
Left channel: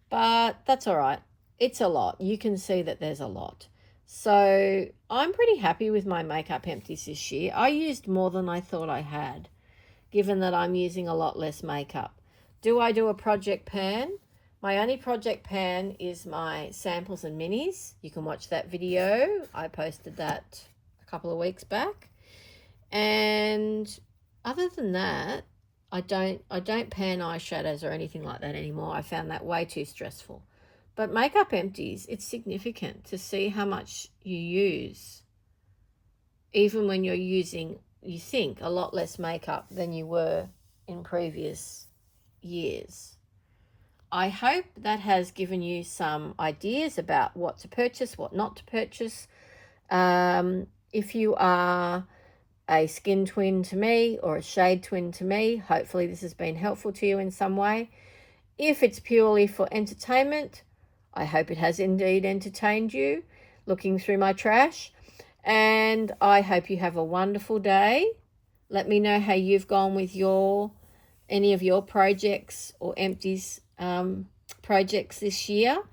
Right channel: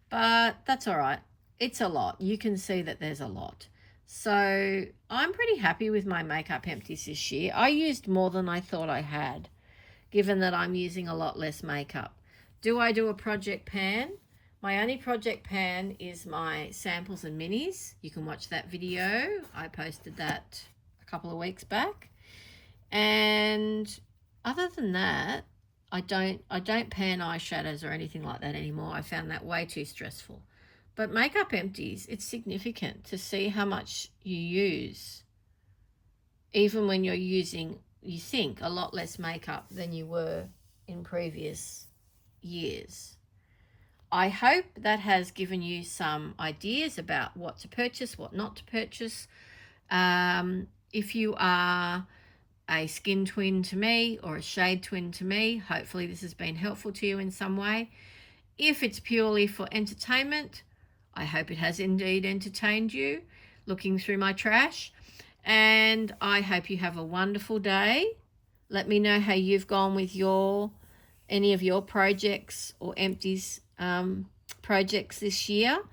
but that's all right. It's a lot. You can see that there's a lot. So I'm pretty happy with my makeup empties this year. I used more than I thought I had, given that I'm using a lot less makeup. Do I do a project pan? My only project pan is my samples and minis. You can watch that video. I posted that a couple of weeks back. And other than that, I don't pan eyeshadows or anything like that anymore. I found that way too stressful. But makeup empties, it's significant to see how much you use, even when you're using, you think, a lot less makeup than you were in previous years. I hope that has given you some ideas about what to purchase, what not to purchase. If you are a skin twin to me or a shade twin to me. Hopefully this has been helpful to you in some way. If it's purely for entertainment, I hope it has indeed entertained you looking through my trash. And I hope you have a wonderful day. Let me know how you've gone with any of your projects or Empties projects this year.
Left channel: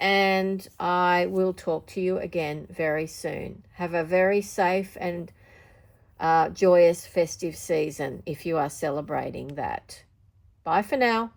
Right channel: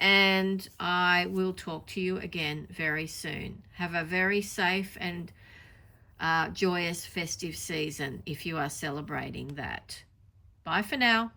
And I will talk to you again very soon. Have a very safe and joyous festive season if you are celebrating that. Bye for now.